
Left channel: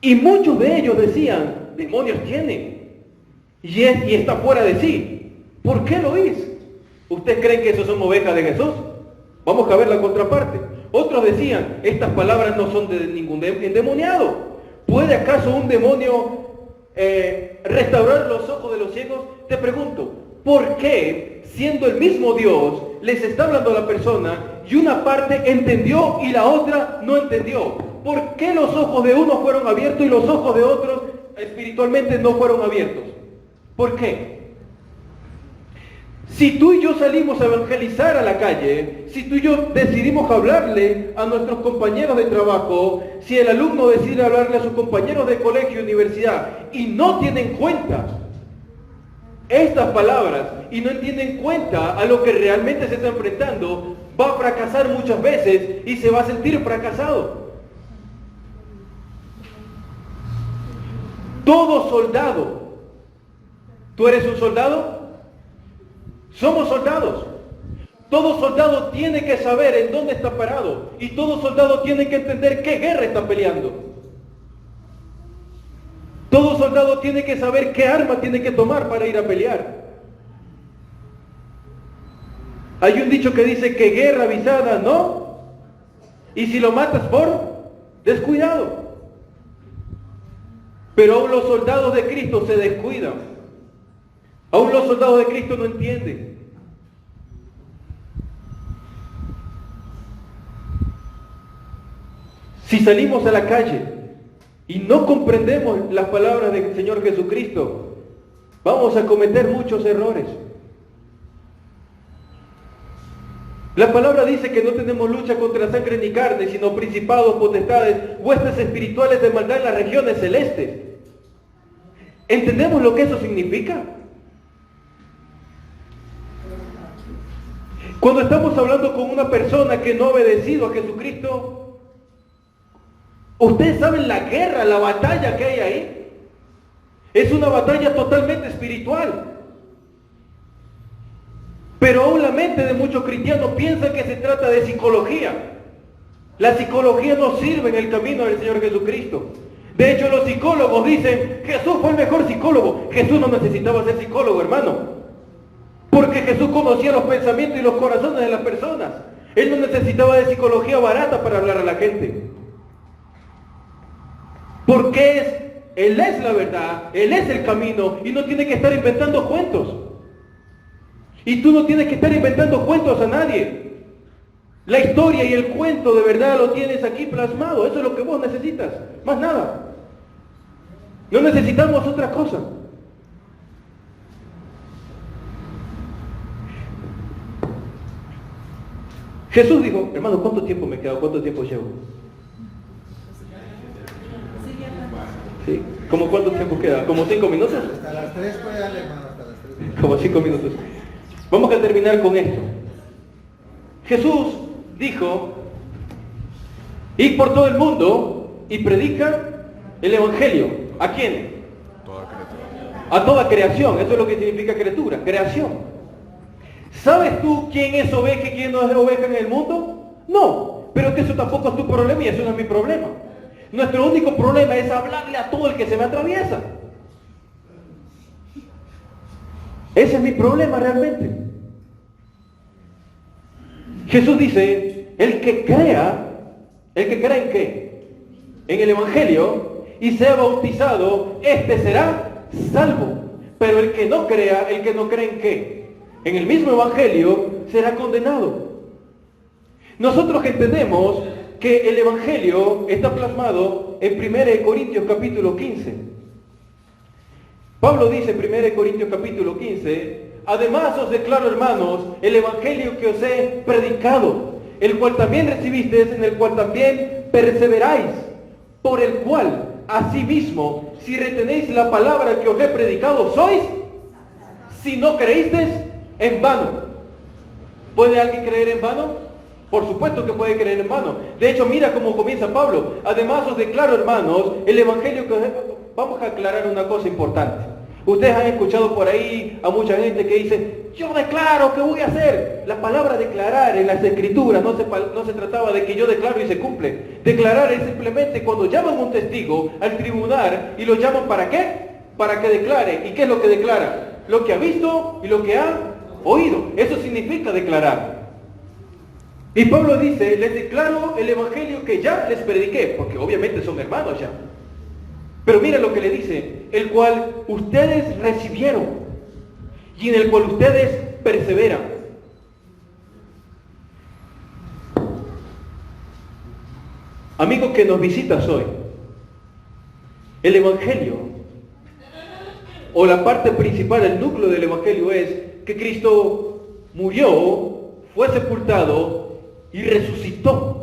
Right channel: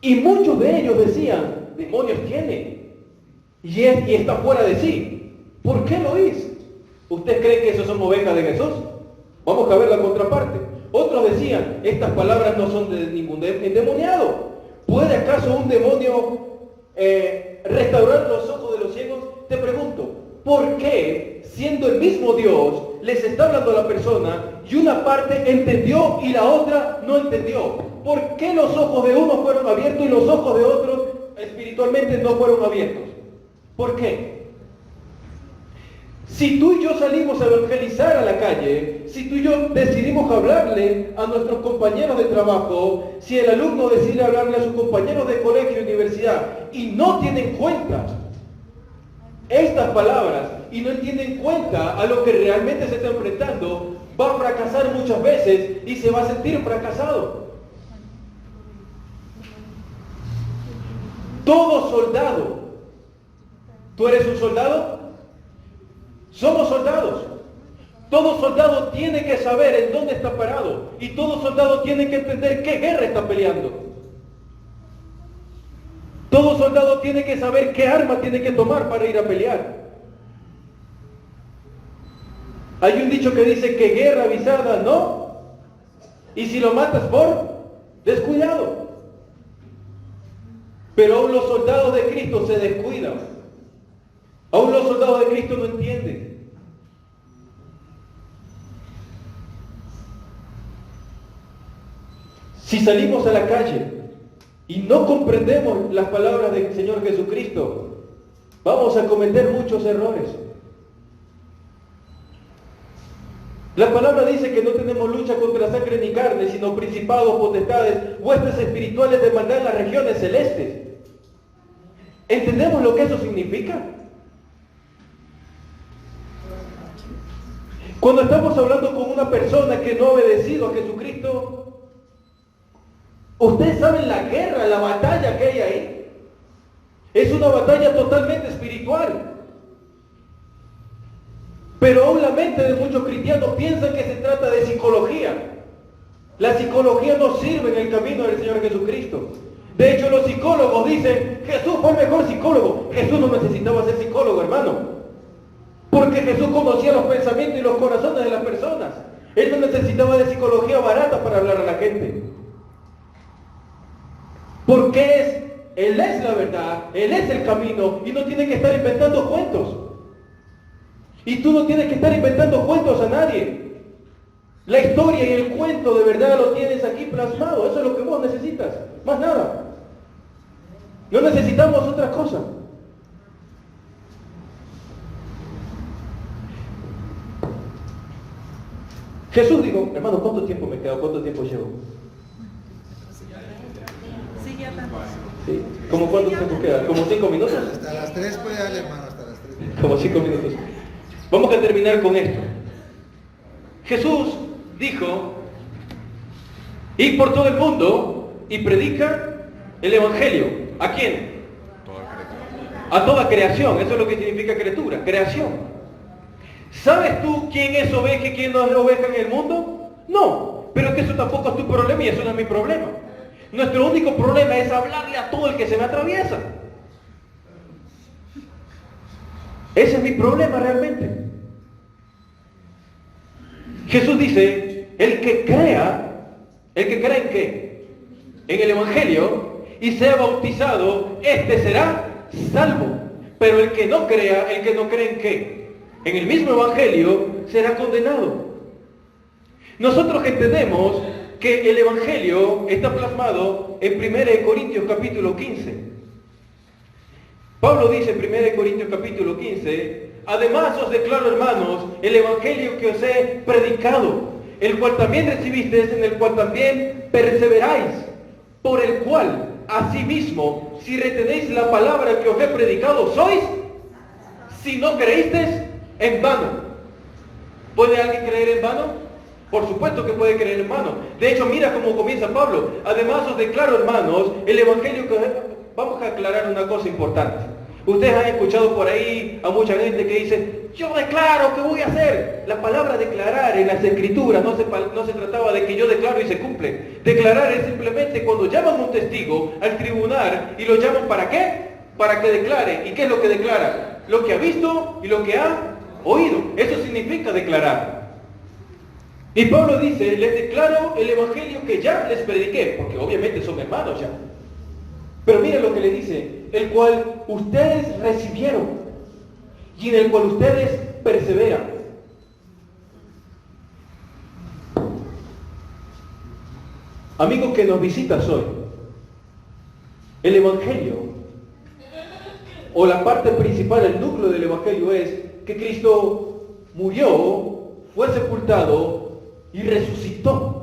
y muchos de ellos decían, demonios tiene, y está fuera de sí. ¿Por qué lo hizo? ¿Ustedes creen que esos son ovejas de Jesús? Vamos a ver la contraparte. Otros decían, estas palabras no son de ningún endemoniado. ¿Puede acaso un demonio restaurar los ojos de los ciegos? Te pregunto, ¿por qué, siendo el mismo Dios, les está hablando a la persona y una parte entendió y la otra no entendió? ¿Por qué los ojos de unos fueron abiertos y los ojos de otros espiritualmente no fueron abiertos? ¿Por qué? Si tú y yo salimos a evangelizar a la calle, si tú y yo decidimos hablarle a nuestros compañeros de trabajo, si el alumno decide hablarle a sus compañeros de colegio y universidad y no tienen cuenta estas palabras y no tienen cuenta a lo que realmente se está enfrentando, va a fracasar muchas veces y se va a sentir fracasado. Todo soldado, ¿tú eres un soldado? Somos soldados. Todo soldado tiene que saber en dónde está parado y todo soldado tiene que entender qué guerra está peleando. Todo soldado tiene que saber qué arma tiene que tomar para ir a pelear. Hay un dicho que dice que guerra avisada no, y si lo matas por descuidado. Pero aún los soldados de Cristo se descuidan. Aún los soldados de Cristo no entienden. Si salimos a la calle y no comprendemos las palabras del Señor Jesucristo, vamos a cometer muchos errores. La palabra dice que no tenemos lucha contra sangre ni carne, sino principados, potestades, huestes espirituales de maldad en las regiones celestes. ¿Entendemos lo que eso significa? Cuando estamos hablando con una persona que no ha obedecido a Jesucristo, ustedes saben la guerra, la batalla que hay ahí. Es una batalla totalmente espiritual. Pero aún la mente de muchos cristianos piensa que se trata de psicología. La psicología no sirve en el camino del Señor Jesucristo. De hecho, los psicólogos dicen, Jesús fue el mejor psicólogo. Jesús no necesitaba ser psicólogo, hermano. Porque Jesús conocía los pensamientos y los corazones de las personas. Él no necesitaba de psicología barata para hablar a la gente. Porque Él es la verdad, Él es el camino y no tiene que estar inventando cuentos. Y tú no tienes que estar inventando cuentos a nadie. La historia y el cuento de verdad lo tienes aquí plasmado. Eso es lo que vos necesitas, más nada. No necesitamos otra cosa. Jesús dijo, hermano, ¿cuánto tiempo me queda? ¿Cuánto tiempo llevo? ¿Sí? ¿Cómo cuánto tiempo queda? ¿Como 5 minutos? Hasta las 3 puede darle, hermano, hasta las 3. Como 5 minutos. Vamos a terminar con esto. Jesús dijo, id por todo el mundo y predica el Evangelio. ¿A quién? A toda creación. Eso es lo que significa criatura, creación. ¿Sabes tú quién es oveja y quién no es oveja en el mundo? No, pero que eso tampoco es tu problema y eso no es mi problema. Nuestro único problema es hablarle a todo el que se me atraviesa. Ese es mi problema realmente. Jesús dice, el que crea ¿en qué? En el Evangelio y sea bautizado, este será salvo. Pero el que no cree ¿en qué? En el mismo Evangelio será condenado. Nosotros entendemos que el Evangelio está plasmado en 1 Corintios capítulo 15. Pablo dice en 1 Corintios capítulo 15, además os declaro, hermanos, el Evangelio que os he predicado, el cual también recibisteis, en el cual también perseveráis, por el cual, asimismo, si retenéis la palabra que os he predicado, sois, si no creísteis, en vano. ¿Puede alguien creer en vano? Por supuesto que puede creer en vano. De hecho, mira cómo comienza Pablo. Además os declaro, hermanos, el evangelio que... Vamos a aclarar una cosa importante. Ustedes han escuchado por ahí a mucha gente que dice, yo declaro que voy a hacer. La palabra declarar en las escrituras no se trataba de que yo declaro y se cumple. Declarar es simplemente cuando llaman a un testigo al tribunal y lo llaman ¿para qué? Para que declare. ¿Y qué es lo que declara? Lo que ha visto y lo que ha oído. Eso significa declarar. Y Pablo dice, les declaro el evangelio que ya les prediqué, porque obviamente son hermanos ya. Pero mira lo que le dice, el cual ustedes recibieron y en el cual ustedes perseveran. Amigo que nos visitas hoy, el evangelio, o la parte principal, el núcleo del evangelio es que Cristo murió, fue sepultado y resucitó.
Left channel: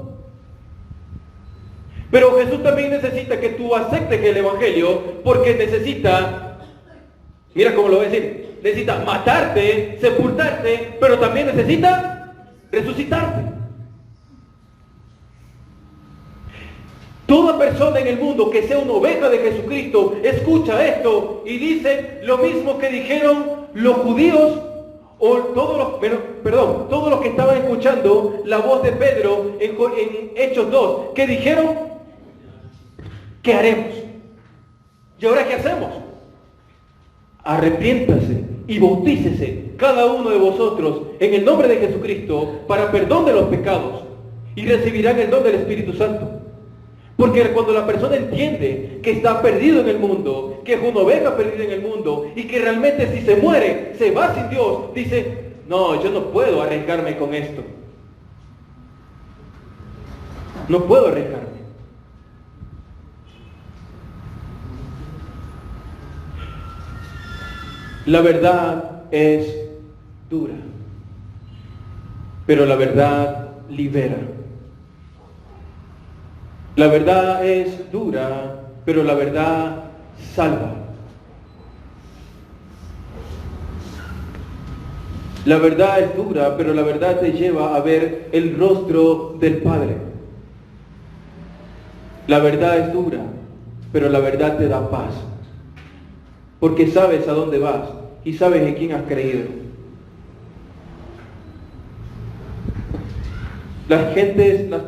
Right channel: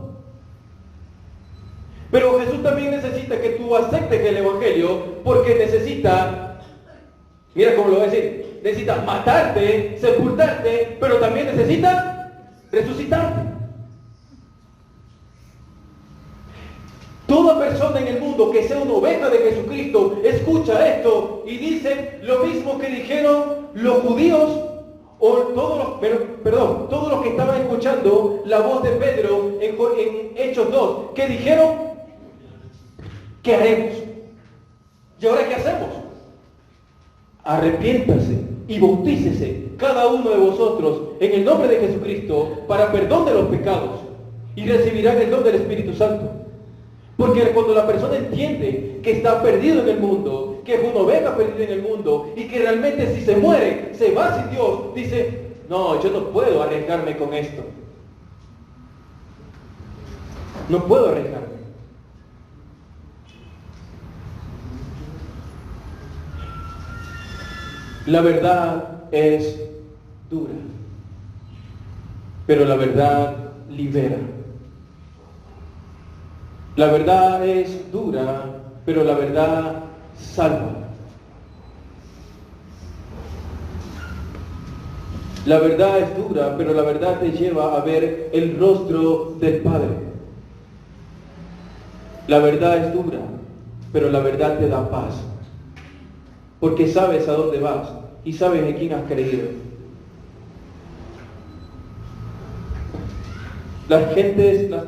Pero Jesús también necesita que tú aceptes el evangelio, porque necesita, mira cómo lo voy a decir, necesita matarte, sepultarte, pero también necesita resucitarte. Toda persona en el mundo que sea una oveja de Jesucristo escucha esto y dice lo mismo que dijeron los judíos o todos los que estaban escuchando la voz de Pedro en Hechos 2, que dijeron, ¿qué haremos? ¿Y ahora qué hacemos? Arrepiéntase y bautícese cada uno de vosotros en el nombre de Jesucristo para perdón de los pecados y recibirán el don del Espíritu Santo. Porque cuando la persona entiende que está perdido en el mundo, que es una oveja perdida en el mundo y que realmente si se muere, se va sin Dios, dice, no, yo no puedo arriesgarme con esto. No puedo arriesgarme. La verdad es dura, pero la verdad libera. La verdad es dura, pero la verdad salva. La verdad es dura, pero la verdad te lleva a ver el rostro del Padre. La verdad es dura, pero la verdad te da paz. Porque sabes a dónde vas y sabes en quién has creído. Las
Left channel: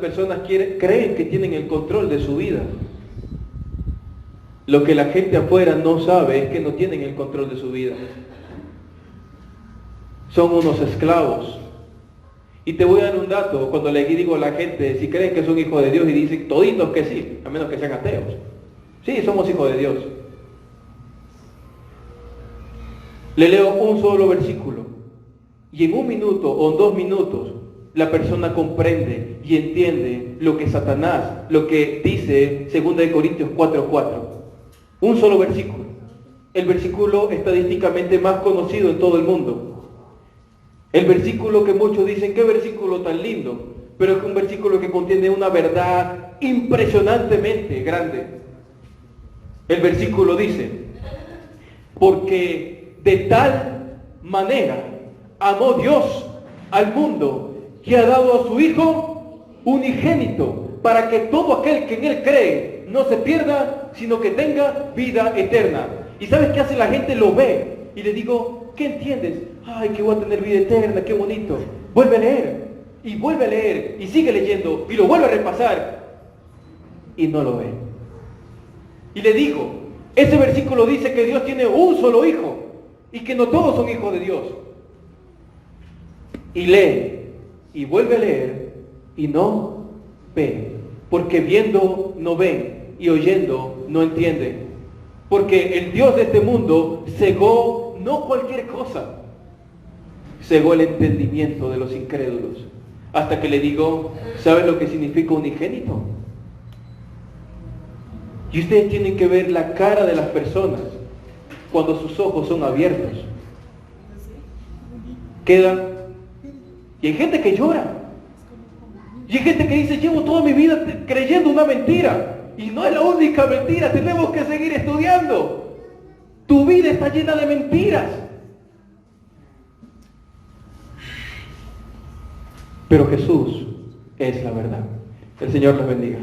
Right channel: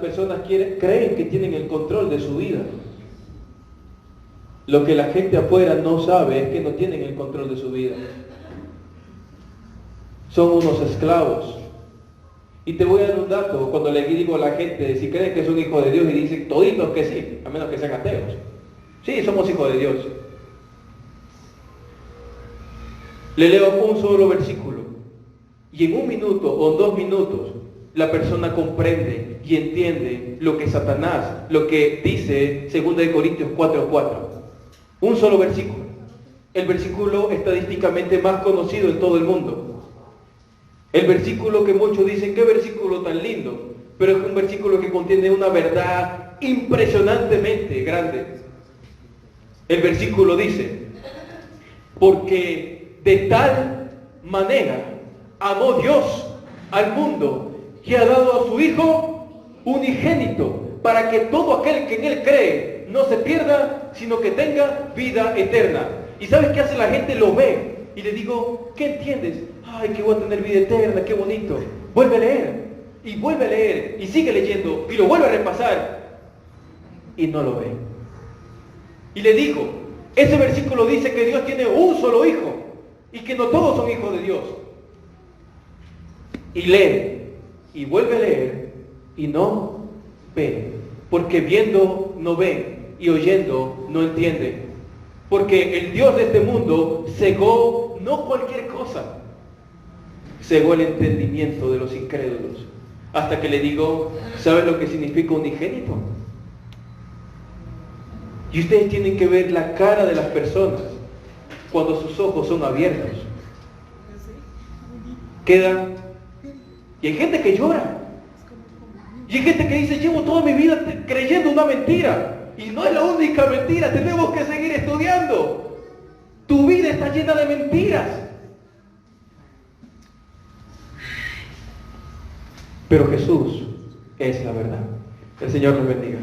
personas creen que tienen el control de su vida. Lo que la gente afuera no sabe es que no tienen el control de su vida. Son unos esclavos. Y te voy a dar un dato cuando le digo a la gente, si creen que son hijos de Dios, y dicen toditos que sí, a menos que sean ateos. Sí, somos hijos de Dios. Le leo un solo versículo y en 1 minuto o en 2 minutos la persona comprende y entiende lo que Satanás, lo que dice 2 Corintios 4:4. Un solo versículo. El versículo estadísticamente más conocido en todo el mundo. El versículo que muchos dicen, qué versículo tan lindo, pero es un versículo que contiene una verdad impresionantemente grande. El versículo dice, porque de tal manera amó Dios al mundo que ha dado a su Hijo unigénito, para que todo aquel que en Él cree no se pierda, sino que tenga vida eterna. ¿Y sabes qué hace la gente? Lo ve. Y le digo, ¿qué entiendes? Ay, que voy a tener vida eterna, qué bonito. Vuelve a leer, y vuelve a leer, y sigue leyendo, y lo vuelve a repasar, y no lo ve. Y le digo, ese versículo dice que Dios tiene un solo Hijo, y que no todos son hijos de Dios. Y lee, y vuelve a leer, y no ve. Porque viendo no ven, y oyendo no entienden. Porque el Dios de este mundo cegó no cualquier cosa, cegó el entendimiento de los incrédulos. Hasta que le digo, ¿saben lo que significa unigénito? Y ustedes tienen que ver la cara de las personas cuando sus ojos son abiertos. Quedan. Y hay gente que llora. Y hay gente que dice, llevo toda mi vida creyendo una mentira. Y no es la única mentira, tenemos que seguir estudiando. Tu vida está llena de mentiras. Pero Jesús es la verdad. El Señor nos bendiga.